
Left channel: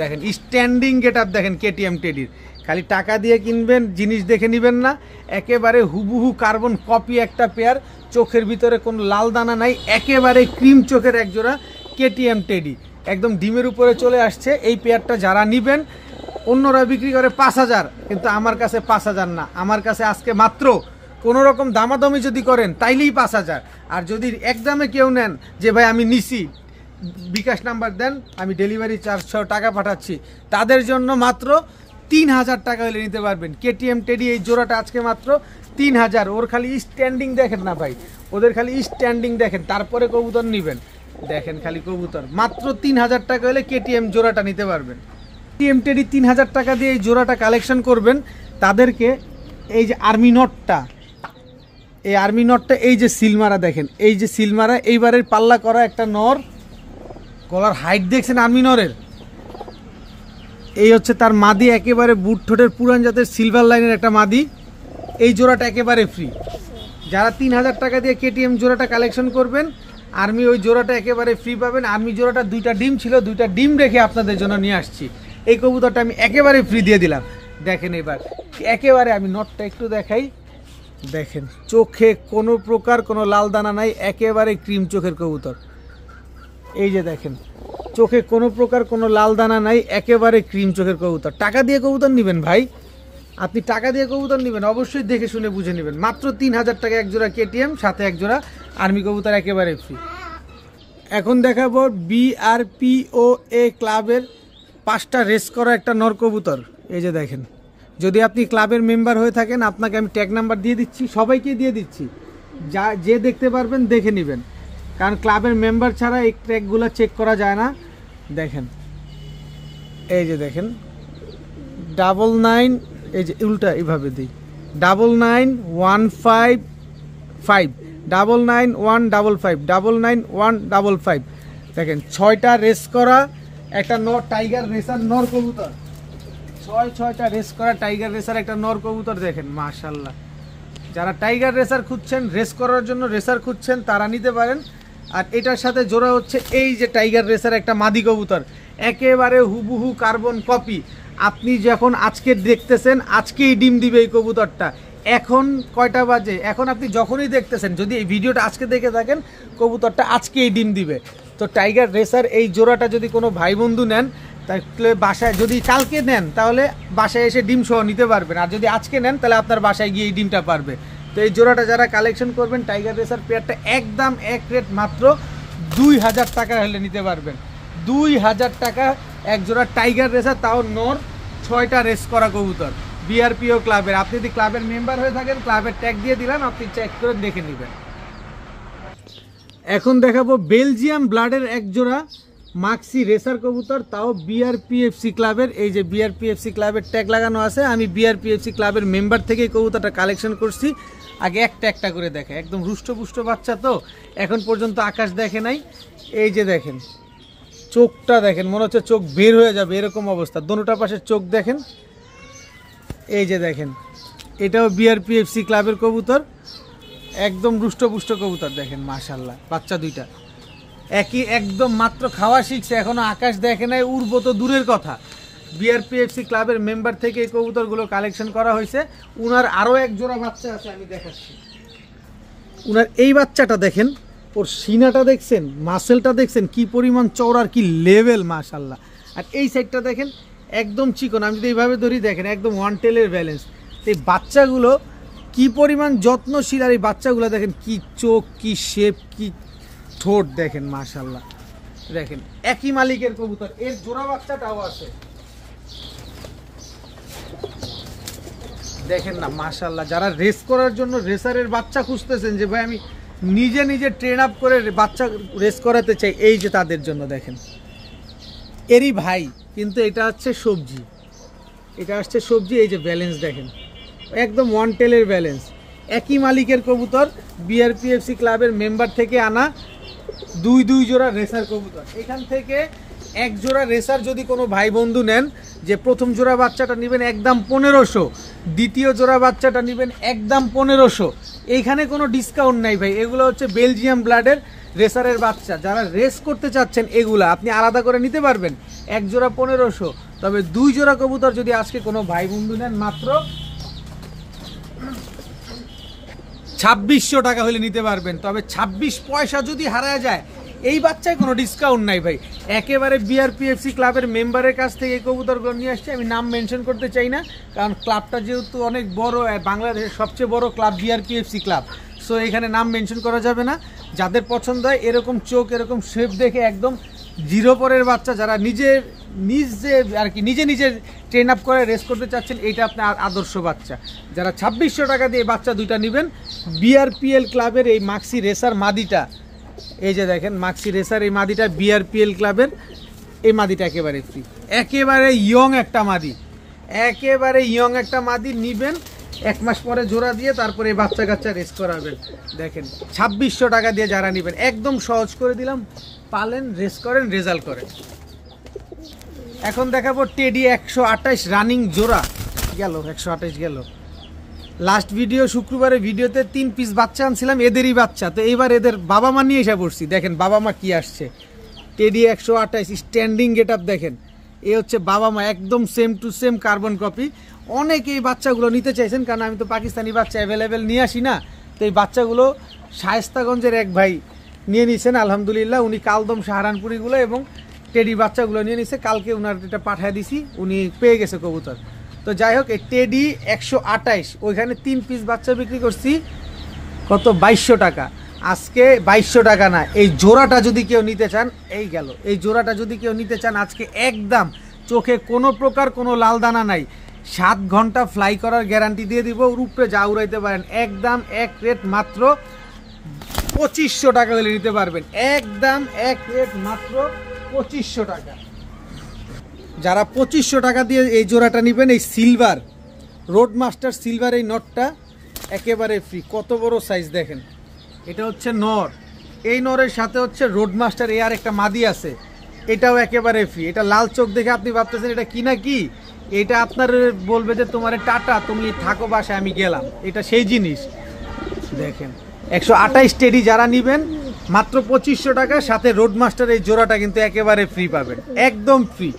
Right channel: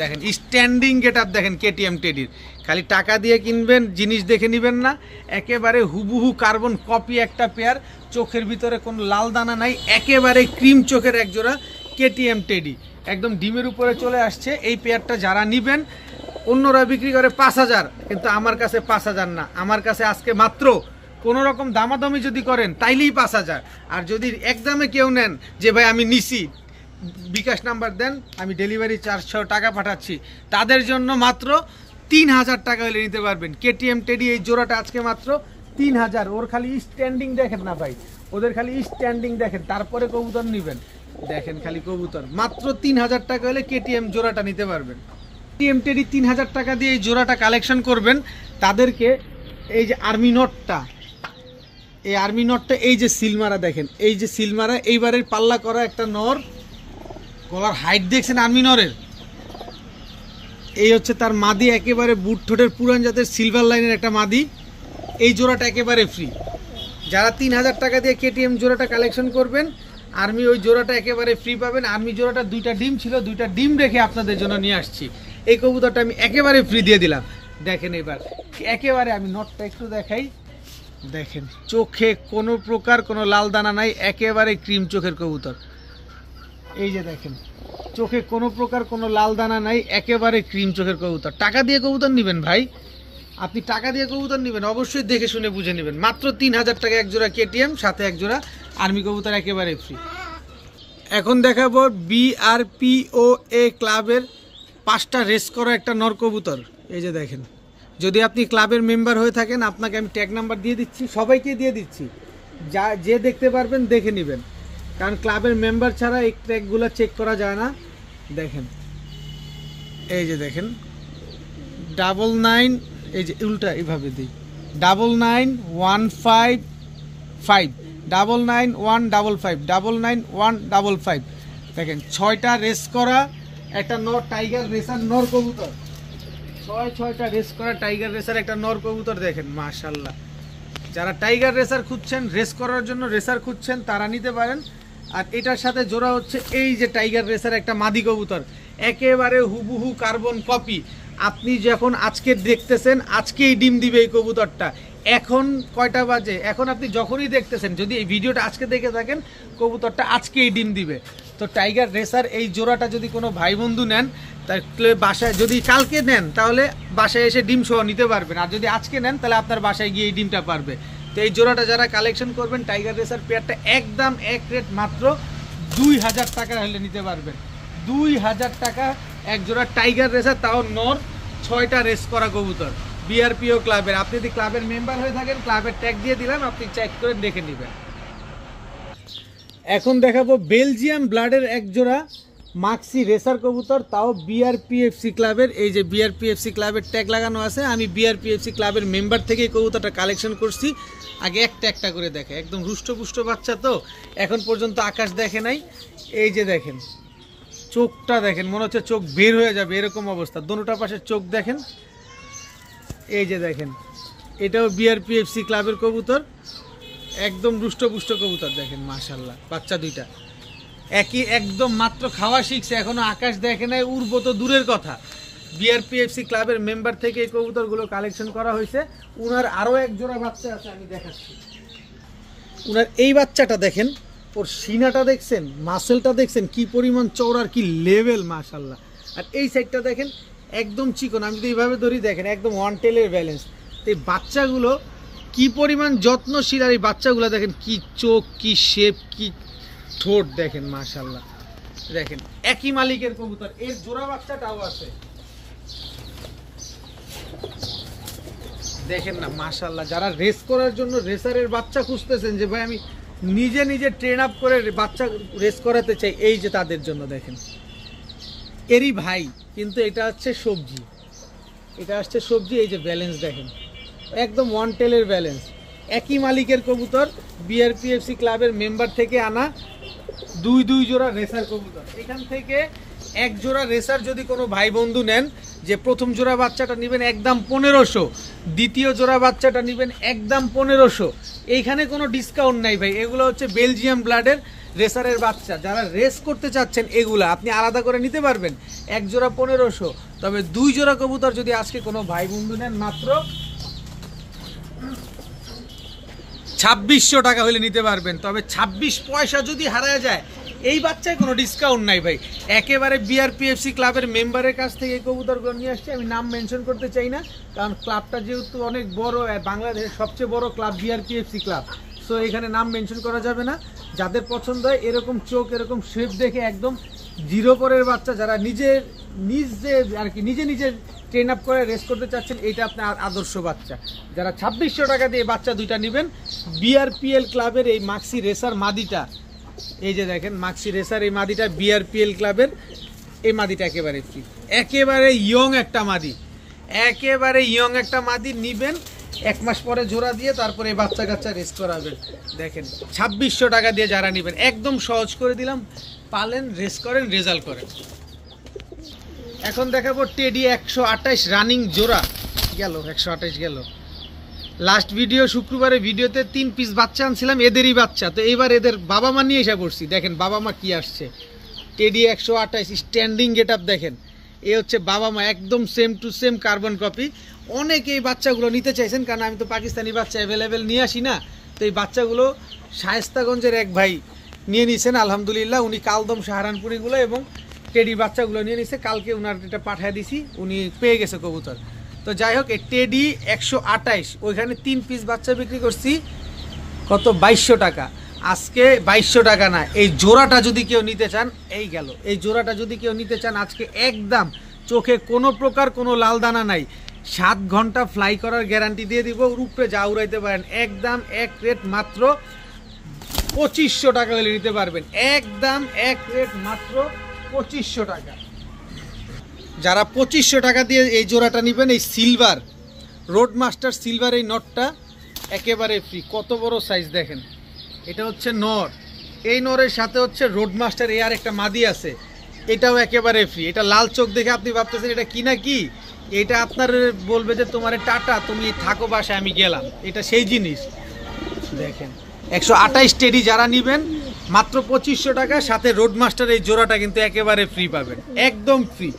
দেখেন স্ট্যান্ডিং গেট আপ দেখেন কেটিএম টেডির। খালি টাকা দিয়ে কিনবেন, জিনিস দেখে নেবেন না, একেবারে হুবহু কার্বন কপি একটা পেয়ার, চোখের ভিতরে কোনো লাল দানা নাই, একেবারে ক্রিম চোখের এক জোড়া কেটিএম টেডি, একদম ডিমের উপরে চলে আসছে। এই পেয়ারটা যারা নিবেন, অন্যরা বিক্রি করে 5000, কিন্তু আমার কাছে 5000 না, আমার কাছে আজকে মাত্র কোনো রকম দামাদামি যদি করেন তাইলেই 5000। আর যদি একদমে কেউ নেন যে ভাই আমি নিছি, বিকাশ নাম্বার দেন, আমি ডেলিভারি চার্জ সহ টাকা পাঠাচ্ছি, তাদের জন্য মাত্র 3000 টাকা হলে নিতে পারবেন। কেটিএম টেডি এই জোড়াটা আজকে মাত্র 3000। ওর খালি স্ট্যান্ডিং দেখেন না ভাই, ওদের খালি স্ট্যান্ডিং দেখেন, তারপরে কবুতর নেবেন। দেখেন খালি কবুতর, মাত্র 3000 টাকা হলে কেটিএম জোড়াটা নিতে পারবেন। কেটিএম টেডি 3000 টাকা দিয়ে এই জোড়াটা কালেকশন করবেন, তাদেরকে এই যে আর্মি নটটা, এই আর্মি নটটা, এই যে সিলমারা দেখেন, এই যে সিলমারা, এইবারের পাল্লা করা একটা নর, গলার হাইট দেখছেন আর্মি নরের, এই হচ্ছে তার মাদি, একেবারে বুট ঠোঁটের পুরান জাতের সিলভার লাইনের একটা মাদি। এই জোড়াটা একেবারে ফ্রি। যারা 3000 টাকা দিয়ে কেটিএম জোড়াটা কালেকশন করবেন, আর্মি ওই জোড়াটা একেবারে ফ্রি পাবেন। আর্মি জোড়াটা 2টা ডিম ছিল, 2টা ডিম রেখে আপনাদের জন্য নিয়ে আসছি। এই কবুতরটা আমি একেবারে ফ্রি দিয়ে দিলাম। দেখেন এবার একেবারে আমি নটটা একটু দেখাই, দেখেন চোখে কোনো প্রকার কোনো লাল দানা নাই, একেবারে ক্রিম চোখের কবুতর। এই যে দেখেন চোখে কোনো প্রকার কোনো লাল দানা নাই, একেবারে ক্রিম চোখের কবুতর। টাকা দিয়ে কবুতর নেবেন ভাই, আপনি টাকা দিয়ে কবুতর নেবেন, অবশ্যই দেখে শুনে বুঝে নেবেন। মাত্র 3000 টাকা এক জোড়া কেটিএম, সাথে এক জোড়া আর্মি কবুতর, একেবারে ফ্রি। এখন দেখাবো BRPOA ক্লাবের 5টা রেস করা একটা নর কবুতর। এই যে দেখেন, যদি আপনি ক্লাবের মেম্বার হয়ে থাকেন, আপনাকে আমি ট্যাগ নাম্বার দিয়ে দিচ্ছি, সবাইকে দিয়ে দিচ্ছি, যে দেখতে পারবেন দেখে নেবেন, কারণ ক্লাবের মেম্বার ছাড়া এই ট্যাগগুলো চেক করা যায় না। দেখেন এই যে দেখেন 99, এই যে উল্টা এইভাবে দিই, 99155 99155 99155। দেখেন 6টা রেস করা একটা নর টাইগার রেসার নর কবুতর, 6টা রেস করা টাইগার রেসার একটা নর কবুতর। দেখেন মাশাআল্লাহ, যারা টাইগার রেসার খুঁজছেন, রেস করার জন্য রেসার খুঁজছেন, তারা নিতে পারেন। আর এটার সাথে জোড়া হচ্ছে এই যে টাইগার রেসার একটা মাদি কবুতর, একেবারে হুবহু কার্বন কপি। আপনি যখন আজকে দেখতেছেন, আজকেই ডিম দিবে এই কবুতরটা। এখন কয়টা বাজে, এখন আপনি যখনই দেখতেছেন, যদি এই ভিডিওটা আজকে দেখে থাকেন, কবুতরটা আজকেই ডিম দিবে। তো টাইগার রেসার এই জোড়াটা যদি কোনো ভাই বন্ধু নেন, তাহলে বাসায়, যদি কালকে নেন তাহলে বাসায় এসে ডিম সহ নিতে পারবেন, আর যদি আজকে নেন তাহলে আপনার বাসায় গিয়ে এই ডিমটা পারবে। তো এই জোড়াটা যারা কালেকশন করবেন, টাইগার রেসার পেয়ারটা একদম এক রেট মাত্র 2000 টাকা হলে নিতে পারবেন। 2000 টাকা এক জোড়া টাইগার রেসার, তাও নর, 6টা রেস করা কবুতর, BRPO ক্লাবের। আপনি যদি ক্লাবের মেম্বার হয়ে থাকেন, ক্লাবের ট্যাগ দিয়ে দিলাম, আপনি চেক করে দেখে নেবেন। এখন দেখাবো বেলজিয়াম ব্লাডের এক জোড়া মাক্সি রেসার কবুতর, তাও BRPFC ক্লাবের। এই যে BRPFC ক্লাবের ট্যাগ লাগানো আছে, আমি BRPFC ক্লাবের মেম্বার থেকে কবুতরটা কালেকশন করছি। আগে একটা একটা করে দেখে, একদম রুষ্টপুষ্ট বাচ্চা তো, এখন পর্যন্ত আকাশ দেখে নাই। এই যে দেখেন চোখটা দেখেন, মনে হচ্ছে চোখ বের হয়ে যাবে এরকম অবস্থা, দোনোটা পাশে চোখ দেখেন। এই যে দেখেন, এটাও BRPFC ক্লাবের কবুতর, একদম রুষ্টপুষ্ট কবুতর। দেখেন মাশাআল্লাহ, বাচ্চা 2টা একই, একদম মাত্র খাওয়া শিখছে, এখনো আকাশ দেখে নাই, উড়বো তো দূরের কথা। BRPFC ক্লাবের মেম্বার থেকে এই কবুতরগুলো কালেকশন করা হয়েছে। উনার আরও এক জোড়া বাচ্চা আছে, আমি দেখাচ্ছি। উনার এই বাচ্চাটা দেখেন, ওর সিনাটা দেখছেন, মাসেলটা দেখছেন কি পরিমাণ চওড়ার, কি লেভেল মাশাআল্লাহ। আর এই সাইডটা দেখেন একদম চিকন, আমি যদি এইভাবে ধরি দেখেন একদম ওয়ান টেলের ব্যালেন্স। এই বাচ্চাগুলো কি পরিমাণ যত্নশীল, আর এই বাচ্চাগুলো দেখেন কি চোখ, কি শেপ, কি ঠোঁট দেখেন, মাশাআল্লাহ। দেখেন একই মালিকের কবুতর, এর জোড়া বাচ্চাটাও আছে, দেখেন না মাশাআল্লাহ। যারা রেস করার জন্য রেসারের বাচ্চা খুঁজতেছেন যে ভাই আমি নিজে নিজে ট্রেন আপ করে বাচ্চা রেস করাতে চাই, এই যে তাদের জন্য দেখেন এরই ভাই, কিন্তু এটা হচ্ছে সবজি, এটা আসছে সবজি। এই যে ব্যালেন্স দেখেন, একদম ওয়ান টেলের ব্যালেন্স, একই মালিকের কবুতর, বিআরপিএফসি ক্লাবের মেম্বার থেকে আনা দুই জোড়া রেসার কবুতর। এখান থেকে এক জোড়া রেসার যদি কোনো ভাই বন্ধু নেন, যে প্রথম জোড়া বাচ্চাটা নেবেন একদম 1500, দ্বিতীয় জোড়া বাচ্চাটা নেবেন একদম 1500, এইখানে কোনো ডিসকাউন্ট নাই ভাই। এগুলো হচ্ছে বেলজিয়াম ব্লাডের রেসারের বাচ্চা, যারা রেস করতে চাচ্ছেন এগুলা আপনি আলাদা করে নিতে পারবেন, এক জোড়া 1500। তবে 2 জোড়া কবুতর যদি আজকে কোনো ভাই বন্ধু নেন মাত্র 2600 টাকা হলে নিতে পারবেন। তবে 26 পয়সা যদি হারা যায় এই বাচ্চায় কোনো ডিসকাউন্ট নাই ভাই। একেবারে বিআরপিএফসি ক্লাবের মেম্বারের কাছ থেকে এই কবুতরগুলো নিয়ে আসছে, আমি নাম মেনশন করতে চাই না, কারণ ক্লাবটা যেহেতু অনেক বড়, বাংলাদেশের সবচেয়ে বড় ক্লাব বিআরপিএফসি ক্লাব, সো এখানে নাম মেনশন করা যাবে না। যাদের পছন্দ হয় এরকম চোখ, এরকম শেপ দেখে একদম জিরো পরের বাচ্চা, যারা নিজে আর কি নিজে ট্রেন আপ করে রেস করতে চাচ্ছেন, এইটা আপনার আদর্শ বাচ্চা। যারা 2600 টাকা দিয়ে বাচ্চা দুইটা নেবেন, বিআরপিএল ক্লাবের এই মাক্সি রেসার মাদিটা, এই যে দেখেন মাক্সি রেসার এই মাদিটা বিআরপিএল ক্লাবের এই মাদিটা একেবারে ফ্রি, একেবারে ইয়ং একটা মাদি, একেবারে ইয়ং একটা মাদি নিবেন, 1 মাস পরে জোড়া দিয়ে তারপরে বাচ্চা কাচ্চা রেস করাবেন। দেখেন 2600 টাকা দিয়ে যারা নেবেন, একদম সহজ করে দিলাম, পালেন, রেস করেন, রেজাল্ট করেন। এখন দেখাবো টেডি 128 রানিং জোড়া, গেল 128 গেল। লাস্ট ভিডিও শুক্রবারে ভিডিওতে 3 পিস বাচ্চা আনছিলাম, এদেরই বাচ্চা, তো এবার এদের বাবা মা নিয়ে এসে পড়ছি। দেখেন বাবা মা কি আসছে, টেডি 128 স্ট্যান্ডিং গেট আপ দেখেন, এ হচ্ছে বাবা মা, একদম same to same carbon copy. অনেকে এই বাচ্চাগুলো নিতে চাইছেন, কারণ আমি তো পাকিস্তানি বাচ্চা অ্যাভেলেবেল নিয়ে আসি না, তো এই বাচ্চাগুলো শায়েস্তাগঞ্জের এক ভাই নিয়ে নিয়েছেন আলহামদুলিল্লাহ, উনি কালদম সাহারানপুরিগুলো এবং টেডি বাচ্চাগুলো নিয়ে নিছে, কালকে উনার এটা পাঠিয়ে দিছি, উনি পেয়ে গেছে কবুতর। তো যাই হোক, এই টেডি 128, ওইখানে 3 পিস বাচ্চা বিক্রি করছি কত 2200 টাকা। আজকে 2200 টাকা না, এই জোড়াটা যদি কেউ নিতে চান, এই গেল, এই জোড়াটা যদি কেউ নিতে চান আজকে একদম চোখে কোনো প্রকার কোনো লাল দানা নাই, 7 ঘন্টা ফ্লাই করার গ্যারান্টি দিয়ে দিব, রূপে যা উড়াইতে পারেন, একদম এক রেট মাত্র 2500 টাকা হলে নিতে পারবেন, একদম এক রেট মাত্র 2500 টাকা। যারা 2500 টাকা দিয়ে এই জোড়াটা নেবেন, এই সিলভার রোডমাস্টার সিলভার এই নটটা একেবারে ফ্রি, কত বড় সাইজ দেখেন, এটা হচ্ছে নর, এই নরের সাথে হচ্ছে রোডমাস্টার এ আর একটা মাদি আছে, এটাও একেবারে ফ্রি। এটা লাল চোখ দেখে আপনি ভাবতেছেন এটা কি না কি, এটা আপনার বলবে যে তোমার টাটা, তুমি থাকো বাসায়, আমি গেলাম, এটা সেই জিনিস। দেখেন 128 টেডি যারা নেবেন মাত্র 2500 টাকা, সাথে রোডমাস্টার এই জোড়াটা কিন্তু একেবারে ফ্রি পাবেন, একদম ফ্রি।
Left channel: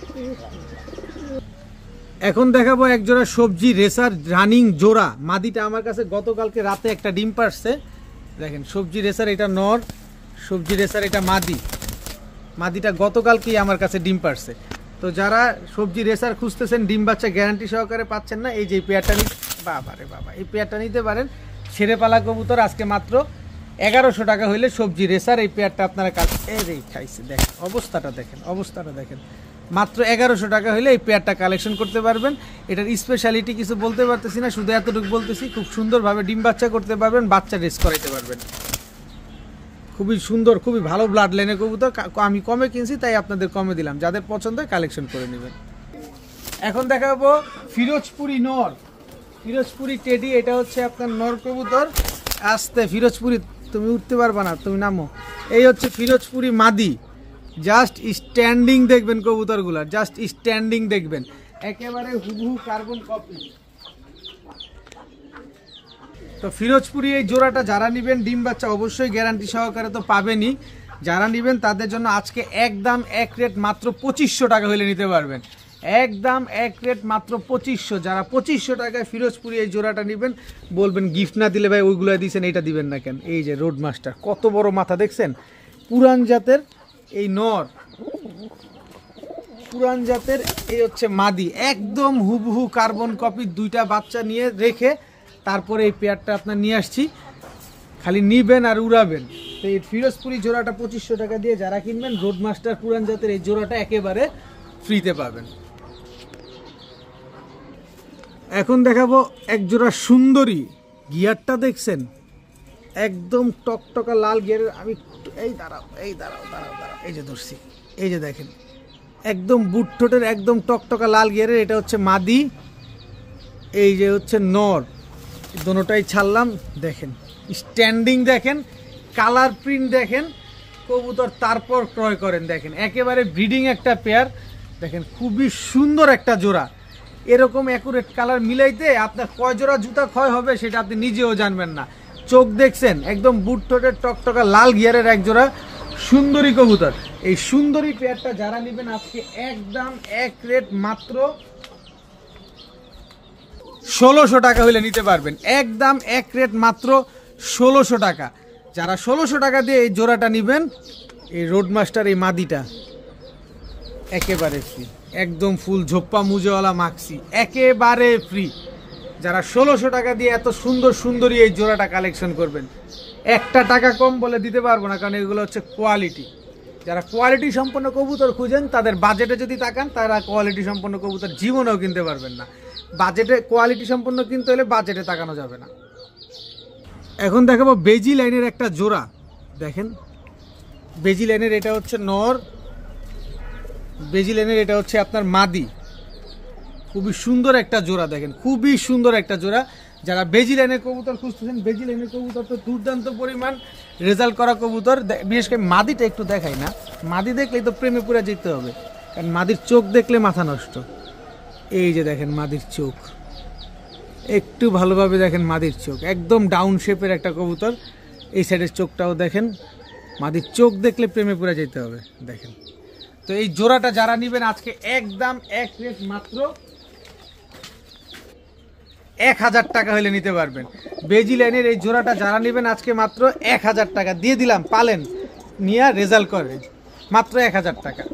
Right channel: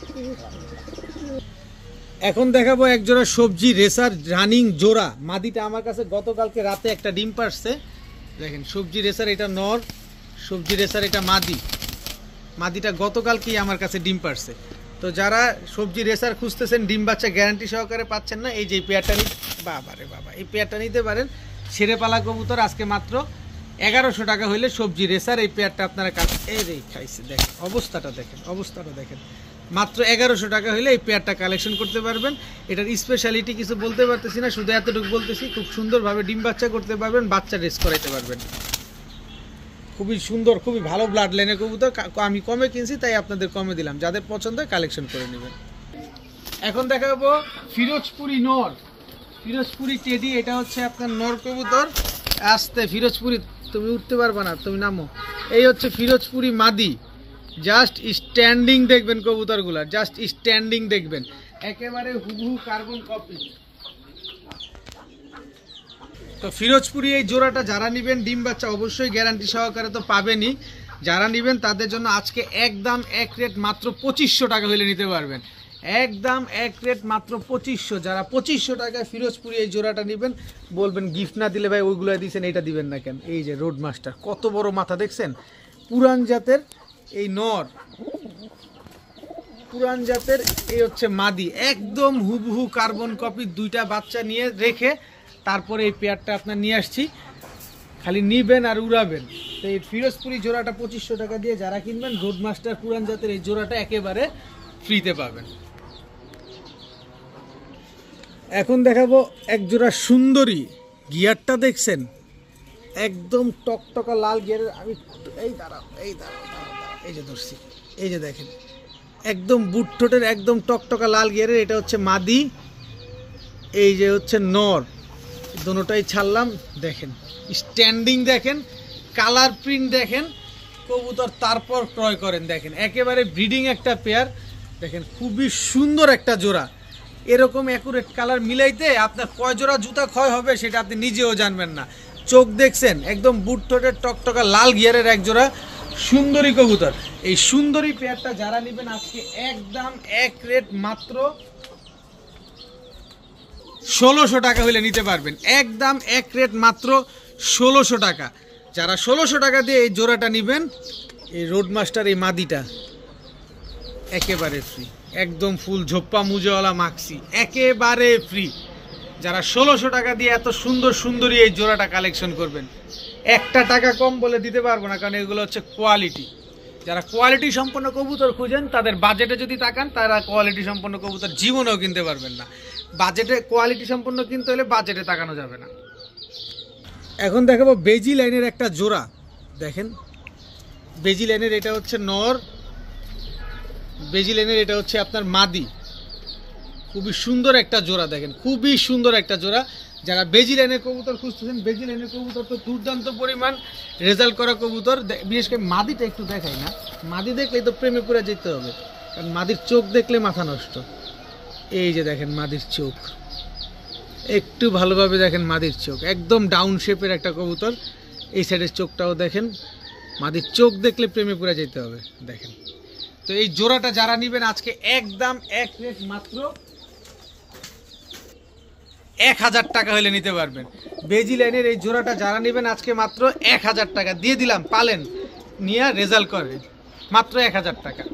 এখন দেখাবো এক জোড়া সবজি রেসার রানিং জোড়া, মাদিটা আমার কাছে গতকালকে রাতে একটা ডিম পারছে, দেখেন সবজি রেসার এটা নর, সবজি রেসার এটা মাদি, মাদিটা গতকালকেই আমার কাছে ডিম পারছে। তো যারা সবজি রেসার খুঁজতেছেন, ডিম বাচ্চা গ্যারান্টি সহকারে পাচ্ছেন না, এই যে পেয়ারটা বাবা রে বাবা, এই পেয়ারটা নিতে পারেন, ছেড়ে পালা কবুতর আজকে মাত্র 1100 টাকা হইলে সবজি রেসার এই পেয়ারটা আপনারা এই খাইছে, দেখেন অবস্থাটা, দেখেন অবস্থাটা দেখেন, মাত্র 1100 টাকা হলে এই পেয়ারটা কালেকশন করতে পারবেন। এটার স্পেশালিটি কিছু বলতে পারতেছি না, শুধু এতটুকু বলতেছি, খুব সুন্দরভাবে ডিম বাচ্চা করতে পারবেন, বাচ্চা রেস করাইতে পারবেন, খুবই সুন্দর, খুবই ভালো ব্লাড লাইনের কবুতর, আমি কমে কিনছি তাই আপনাদের কমে দিলাম, যাদের পছন্দ হয় কালেকশন করে নেবেন। এখন দেখাবো ফিরোজপুরি নর, ফিরোজপুরি টেডি, এটা হচ্ছে আপনার নর কবুতর, আস্তে ফিরোজপুরি, তুমি উঠতে পারবা না, তুমি নামো। এই হচ্ছে ফিরোজপুরি মাদি, জাস্ট স্ট্যান্ডিং দেখবেন কবুতরগুলা, জাস্ট স্ট্যান্ডিং দেখবেন, একেবারে হুবহু কার্বন কপি। তো ফিরোজপুরি এই জোড়াটা যারা নেবেন, ডিম বাচ্চা অবশ্যই গ্যারান্টি সহকারে তো পাবেনই, যারা নেবেন তাদের জন্য আজকে একদম এক রেট মাত্র 2500 টাকা হলে নিতে পারবেন, একদম এক রেট মাত্র 2500। যারা 2500 টাকায় ফিরোজপুরি এই জোড়াটা নেবেন, বলবেন গিফট না দিলে ভাই ওইগুলো দিয়েছেন, এইটা দিবেন না কেন। এই যে রোডমাস্টার, কত বড় মাথা দেখছেন, পুরান জাতের এই নর, পুরান জাতের, এই হচ্ছে মাদি, একদম হুবহু কার্বন কপি, দুইটা বাচ্চা নিয়ে রেখে তারপরে এই পেয়ারটা আপনার নিয়ে আসছি, খালি নিবেন আর উড়াবেন। তো এই ফিরোজপুরি জোড়াটা 2500 টাকা দিয়ে যারা কিনবেন রোডমাস্টার পুরান জাতের এই জোড়াটা একেবারে ফ্রিতে পাবেন। এখন দেখাবো এক জোড়া সুন্দরী, গিয়ারটা দেখছেন একদম টকটকা লাল গিয়ারের। আমি এই দাঁড়াও, এই যে ধরছি, এই যে দেখেন একদম বুট ঠোঁটের একদম টকটকা লাল গিয়ারের, এটা হচ্ছে মাদি, এই যে হচ্ছে নর, দোনোটাই ছাড়লাম। দেখেন স্ট্যান্ডিং দেখেন, কালার প্রিন্ট দেখেন কবুতর, তারপর ক্রয় করেন। দেখেন একেবারে ব্রিডিং একটা পেয়ার, দেখেন খুবই সুন্দর একটা জোড়া। এরকম অ্যাকুরেট কালার মিলাইতে আপনার কয় জোড়া জুতা ক্ষয় হবে সেটা আপনি নিজেও জানবেন না। চোখ দেখছেন একদম বুট ঠোঁটের টকটকা লাল গিয়ারের এক জোড়া সুন্দরী কবুতর। এই সুন্দরী পেয়ারটা যারা নেবেন আজকে একদম এক রেট মাত্র 1600 টাকা হইলে নিতে পারবেন, একদম এক রেট মাত্র 1600 টাকা। যারা 1600 টাকা দিয়ে এই জোড়াটা নেবেন, এই রোডমাস্টার এই মাদিটা একেবারে ফ্রি, একদম ফুল ঝোপ্পা মুজেওয়ালা মাক্সি একেবারে ফ্রি। যারা 1600 টাকা দিয়ে এত সুন্দর সুন্দরী এই জোড়াটা কালেকশন করবেন, একটা টাকা কম বলে দিতে পারবো না, কারণ এগুলো হচ্ছে কোয়ালিটি। যারা কোয়ালিটি সম্পন্ন কবুতর খুঁজেন তাদের বাজেটে যদি তাকান, তারা কোয়ালিটি সম্পন্ন কবুতর জীবনেও কিনতে পারবেন না। বাজেটে কোয়ালিটি সম্পন্ন কিনতে হলে বাজেটে তাকানো যাবে না। এখন দেখাবো বেজি লাইনের একটা জোড়া। দেখেন বেজি লাইনের এটা হচ্ছে নর, বেজি লাইনের এটা হচ্ছে আপনার মাদি, খুবই সুন্দর একটা জোড়া। দেখেন খুবই সুন্দর একটা জোড়া। যারা বেজি লাইনের কবুতর খুঁজতেছেন, বেজি লাইনের কবুতর তো দুর্দান্ত পরিমাণ রেজাল্ট করা কবুতর। বিশেষ করে মাদিটা একটু দেখাই না, মাদি দেখলেই তো প্রেমে পড়ে যেতে হবে, কারণ মাদির চোখ দেখলে মাথা নষ্ট। এই যে দেখেন মাদির চোখ, একটু ভালোভাবে দেখেন মাদির চোখ, একদম ডাউন শেপের একটা কবুতর। এই সাইডের চোখটাও দেখেন, মাদির চোখ দেখলে প্রেমে পড়ে যেতে হবে। দেখেন তো এই জোড়াটা যারা নেবেন আজকে একদম এক রেট মাত্র 1000 টাকা হলে নিতে পারবেন। বেজি লাইনের এই জোড়াটা যারা নেবেন আজকে মাত্র 1000 টাকা দিয়ে দিলাম, পালেন নিয়ে রেজাল্ট করেন, মাত্র 1000 টাকা।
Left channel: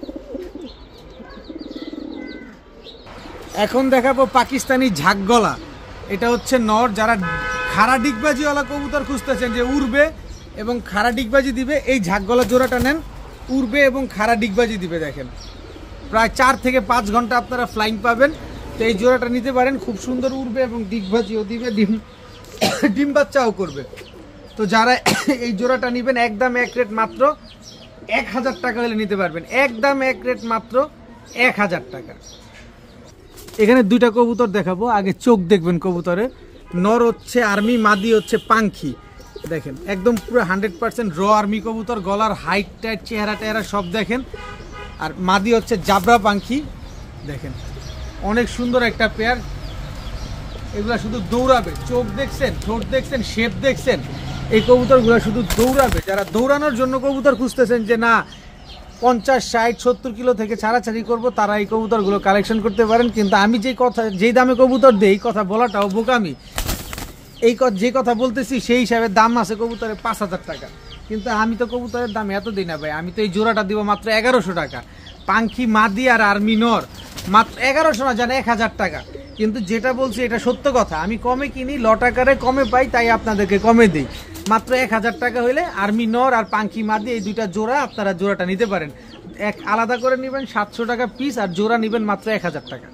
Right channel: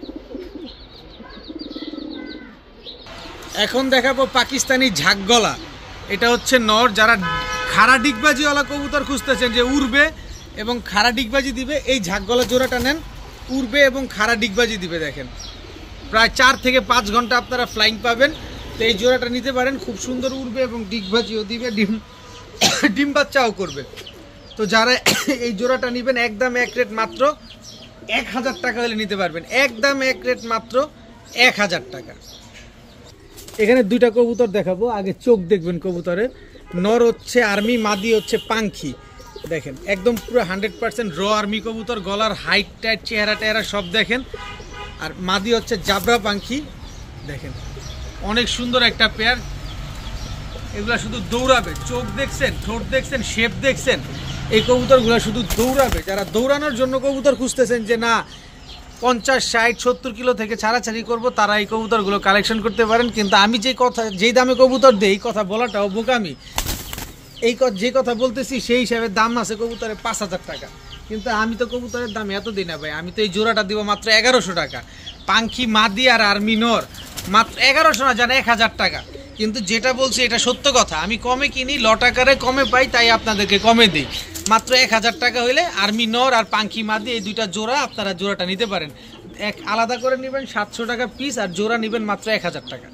এখন দেখাবো পাকিস্তানি ঝাকগলা, এটা হচ্ছে নর। যারা খাড়া ডিগবাজিওয়ালা কবুতর খুঁজতেছেন যে উড়বে এবং খাড়া ডিগবাজি দিবে, এই ঝাকগলা জোড়াটা নেন, উড়বে এবং খাড়া ডিগবাজি দিবে। দেখেন প্রায় 4 থেকে 5 ঘন্টা আপনারা ফ্লাইং পাবেন। তো এই জোড়াটা নিতে পারেন, খুব সুন্দর উড়বে এবং ডিগবাজিও দিবে, ডিম বাচ্চাও করবে। তো যারা এই জোড়াটা নেবেন একদম এক রেট মাত্র 1000 টাকা হলে নিতে পারবেন, একদম এক রেট মাত্র 1000 টাকা। এখানে দুইটা কবুতর দেখাবো, আগে চোখ দেখবেন কবুতরের। নর হচ্ছে আর্মি, মাদি হচ্ছে পাঙ্খি। দেখেন একদম পুরো 100% র আর্মি কবুতর, গলার হাইট টাইট চেহারা টেহারা সব দেখেন। আর মাদি হচ্ছে জাবরা পাঙ্খি। দেখেন অনেক সুন্দর একটা পেয়ার, এগুলা শুধু দৌড়াবে। চোখ দেখছেন, ঠোঁট দেখছেন, শেপ দেখছেন, এই কবুতরগুলো শুধু দৌড়াবে। যারা দৌড়ানোর জন্য কবুতর খুঁজতেছেন যে না 50, 60, 70 কিলো থেকে ছাড়াছাড়ি করব, তারা এই কবুতরগুলো কালেকশন করতে পারেন। কিন্তু আমি যেই দামে কবুতর দিই, এই কথা বলাটাও বোকামি। যে কথা বলতেছি সেই হিসাবে দাম আছে কবুতরের 5000 টাকা, কিন্তু আমি তো কবুতরের দাম এত দিই না ভাই। আমি তো এই জোড়াটা দিব মাত্র 1100 টাকা। পাঙ্খি মাদি আর আর্মি নর মাত্র 1100 না, জানে 1000 টাকা। কিন্তু যেটা বলছি এটা সত্য কথা, আমি কমে কিনি, লট আকারে কমে পাই, তাই আপনাদেরকে কমে দিই। মাত্র 1000 টাকা হইলে আর্মি নর আর পাঙ্খি মাদি এই দুইটা জোড়া আপনারা জোড়াটা নিতে পারেন। এক আলাদা করে নেবেন 700 টাকা পিস, আর জোড়া নেবেন মাত্র 1000 টাকা।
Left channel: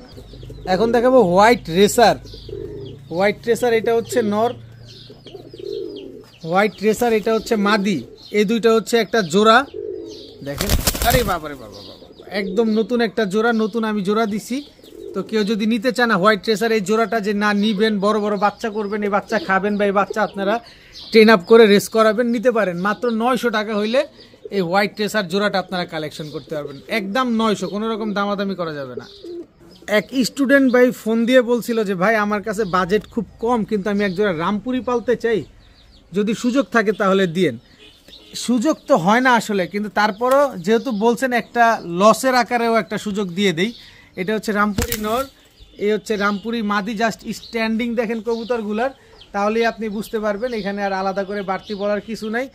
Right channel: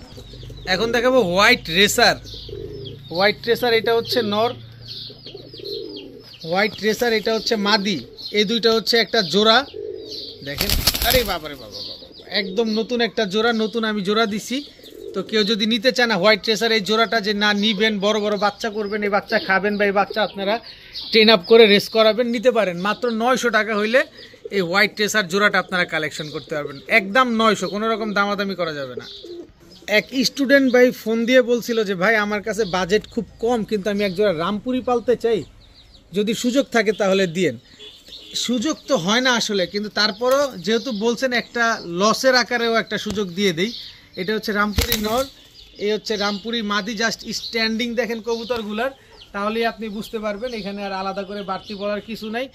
এখন দেখাবো হোয়াইট রেসার। হোয়াইট রেসার এটা হচ্ছে নর, হোয়াইট রেসার এটা হচ্ছে মাদি, এই দুইটা হচ্ছে একটা জোড়া। দেখেন আরে বাবারে বাবা, একদম নতুন একটা জোড়া, নতুন আমি জোড়া দিছি। তো কেউ যদি নিতে চান হোয়াইট রেসার এই জোড়াটা, যে না নিবেন বড় বড় বাচ্চা করবেন, এই বাচ্চা খাবেন বা এই বাচ্চা আপনারা ট্রেন আপ করে রেস করাবেন, নিতে পারেন। মাত্র 900 টাকা হইলে এই হোয়াইট রেসার জোড়াটা আপনারা কালেকশন করতে পারবেন, একদম 900, কোনো রকম দামাদামি করা যাবে না। এক স্টুডেন্ট ভাই ফোন দিয়ে বলছিল যে ভাই আমার কাছে বাজেট খুব কম, কিন্তু আমি এক জোড়া রামপুরি পালতে চাই, যদি সুযোগ থাকে তাহলে দিয়েন। সুযোগ তো হয় না আসলে, কিন্তু তারপরও যেহেতু বলছেন একটা লসের আকারেও একটা সুযোগ দিয়ে দেই। এটা হচ্ছে রামপুরি নর, এই হচ্ছে রামপুরি মাদি। জাস্ট স্ট্যান্ডিং দেখেন কবুতরগুলার, তাহলেই আপনি বুঝতে পারবেন, এখানে আর আলাদা করে বাড়তি বলার কিছু নাই।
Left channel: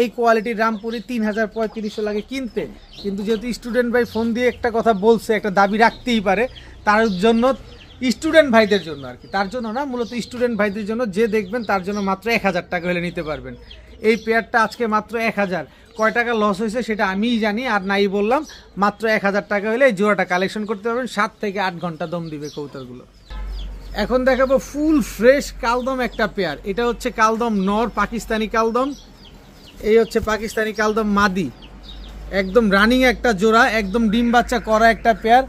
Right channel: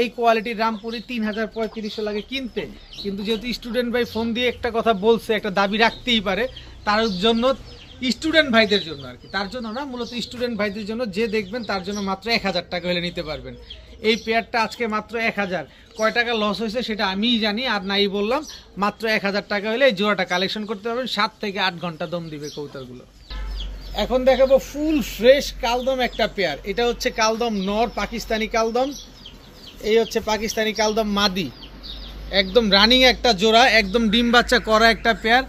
এই কোয়ালিটির রামপুরি 3000-3500 লাগে কিনতে, কিন্তু যেহেতু স্টুডেন্ট ভাই ফোন দিয়ে একটা কথা বলছে, একটা দাবি রাখতেই পারে, তার জন্য স্টুডেন্ট ভাইদের জন্য আর কি, তার জন্য না, মূলত স্টুডেন্ট ভাইদের জন্য যে দেখবেন তার জন্য মাত্র 1000 টাকা হলে নিতে পারবেন। এই পেয়ারটা আজকে মাত্র 1000। কয় টাকা লস হয়েছে সেটা আমিই জানি, আর নাই বললাম, মাত্র 1000 টাকা হলে এই জোড়াটা কালেকশন করতে পারবেন। 7 থেকে 8 ঘন্টা দম দিবে কবুতরগুলো। এখন দেখাবো ফুল ফ্রেশ কালদম একটা পেয়ার। এটা হচ্ছে কালদম নর, পাকিস্তানি কালদম। এই হচ্ছে পাকিস্তানি কালদম মাদি, একদম রানিং একটা জোড়া, একদম ডিম বাচ্চা করা একটা পেয়ার।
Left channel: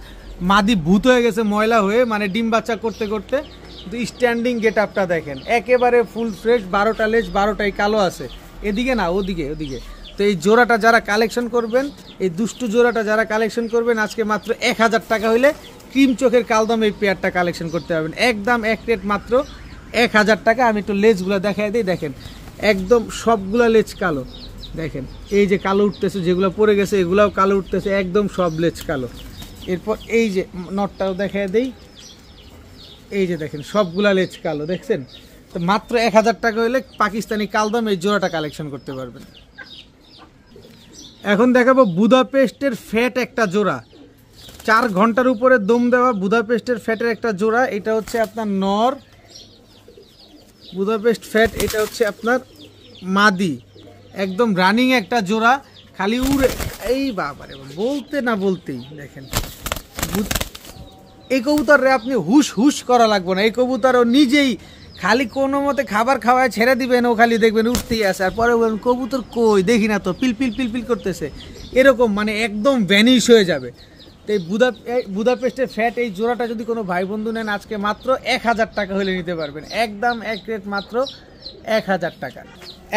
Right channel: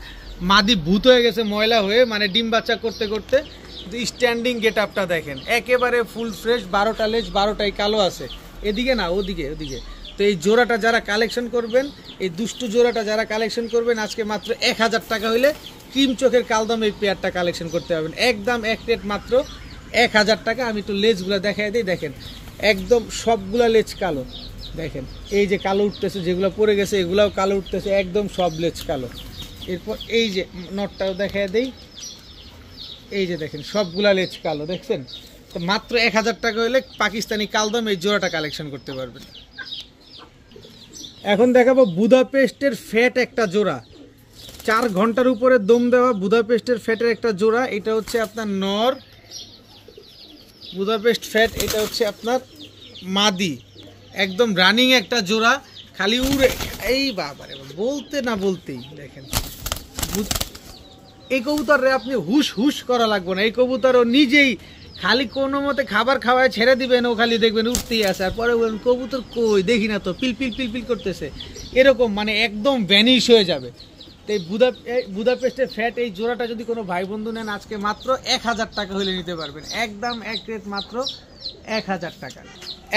মাদি ভূত হয়ে গেছে ময়লা হয়ে, মানে ডিম বাচ্চা করতে করতে। স্ট্যান্ডিং গেট আপটা দেখেন, একেবারে ফুল ফ্রেশ। 12টা লেজ, 12টাই কালো আছে, এদিকে না ওদিকে ওদিকে। তো এই জোড়াটা যারা কালেকশন করবেন, এই দুষ্টু জোড়াটা যারা কালেকশন করবেন, আজকে মাত্র 1000 টাকা হইলে ক্রিম চোখের কালদম এই পেয়ারটা কালেকশন করতে পারবেন। একদম এক রেট মাত্র 1000 টাকা। আমি একটু লেজগুলো দেখাই দিই, দেখেন একদম সবগুলা লেজ কালো। দেখেন এই যে কালো উঠতেছে, যেগুলো পড়ে গেছে এগুলাও কালো উঠতেছে, একদম সব লেজ কালো। এরপর এই যে নটটাও দেখাই দেই, এই যে দেখেন সবগুলা লেজ কালো, দেখছেন? তো মাত্র 1000 টাকা হইলে পাকিস্তানি কালদম এই জোড়াটা কালেকশন করতে পারবেন। এখন দেখাবো বুদাপেস্টের ফ্যাট একটা জোড়া, 4 ঘন্টার উপরে দম দেওয়া বুদাপেস্টের ফ্যাটের একটা জোড়া। এটা হচ্ছে আপনার নর বুদাপেস্ট ফ্যাট, এটা হচ্ছে আপনার মাদি, একদম রানিং একটা জোড়া, খালি উড়ে। এই বাবারে, বলতে না বলতেই দেখেন, এই কবুতরে আপনি হুশ হুশ করা লাগবে না। এই কবুতর ও নিজেই খালি কোনো মতে খাবার খাওয়ায় ছেড়ে দিবেন, ও খালি দেখবেন উঠতেই আসে, আর পরে বলবেন কবুতর কই, দেখি না তো, পিল পিল পিল পিল করতেছে, এরকম মানে একদম ভ্যানিশ হয়ে যাবে। তো এই বুদাপেস্টের ফ্যাট এই জোড়াটা যদি কোনো ভাই বন্ধু নেন, আজকে মাত্র 1000 টাকা হলে নিতে পারবেন। একদম এক রেট মাত্র 1000 টাকা।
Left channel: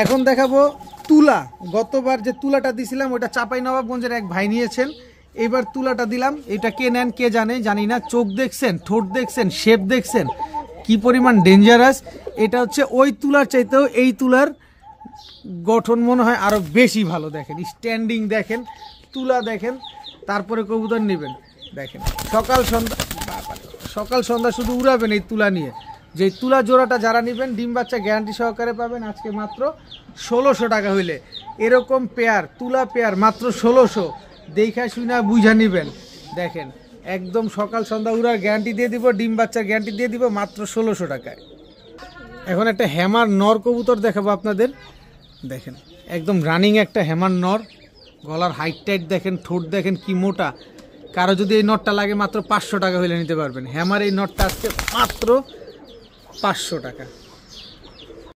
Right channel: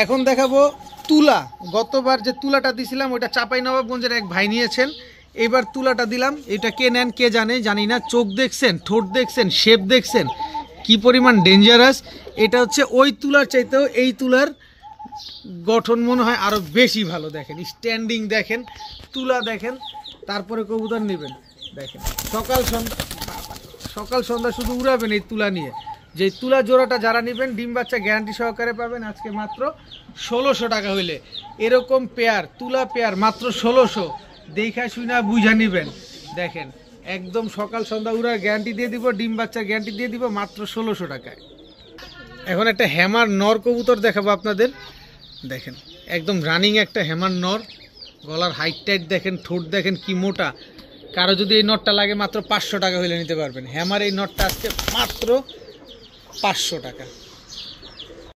এখন দেখাবো তুলা। গতবার যে তুলাটা দিছিলাম ওটা চাঁপাইনবাবগঞ্জের এক ভাই নিয়েছেন, এবার তুলাটা দিলাম। এটা কে নেন কে জানে, জানি না। চোখ দেখছেন, ঠোঁট দেখছেন, শেপ দেখছেন, কি পরিমাণ ডেঞ্জারাস। এটা হচ্ছে ওই তুলার চাইতেও এই তুলার গঠন মনে হয় আরো বেশি ভালো। দেখেন স্ট্যান্ডিং দেখেন, তুলা দেখেন, তারপরে কবুতর নেবেন। দেখেন সকাল সন্ধ্যা শুধু উড়াবেন এই তুলা নিয়ে। যে তুলা জোড়াটা যারা নেবেন, ডিম বাচ্চা গ্যারান্টি সহকারে পাবেন আজকে মাত্র 1600 টাকা হইলে। এরকম পেয়ার, তুলা পেয়ার মাত্র 1600। দেখা শুনা বুঝা নিবেন। দেখেন একদম সকাল সন্ধ্যা উড়ার গ্যারান্টি দিয়ে দিব, ডিম বাচ্চার গ্যারান্টি দিয়ে দিব মাত্র 1600 টাকায়। এখন একটা হ্যামার নর কবুতর দেখাবো আপনাদের। দেখেন একদম রানিং একটা হ্যামার নর, গলার হাইট টাইট দেখেন, ঠোঁট দেখেন কি মোটা। কারো যদি এই নটটা লাগে মাত্র 500 টাকা হইলে নিতে পারবেন। হ্যামার এই নটটা আজকে মাত্র 500 টাকা।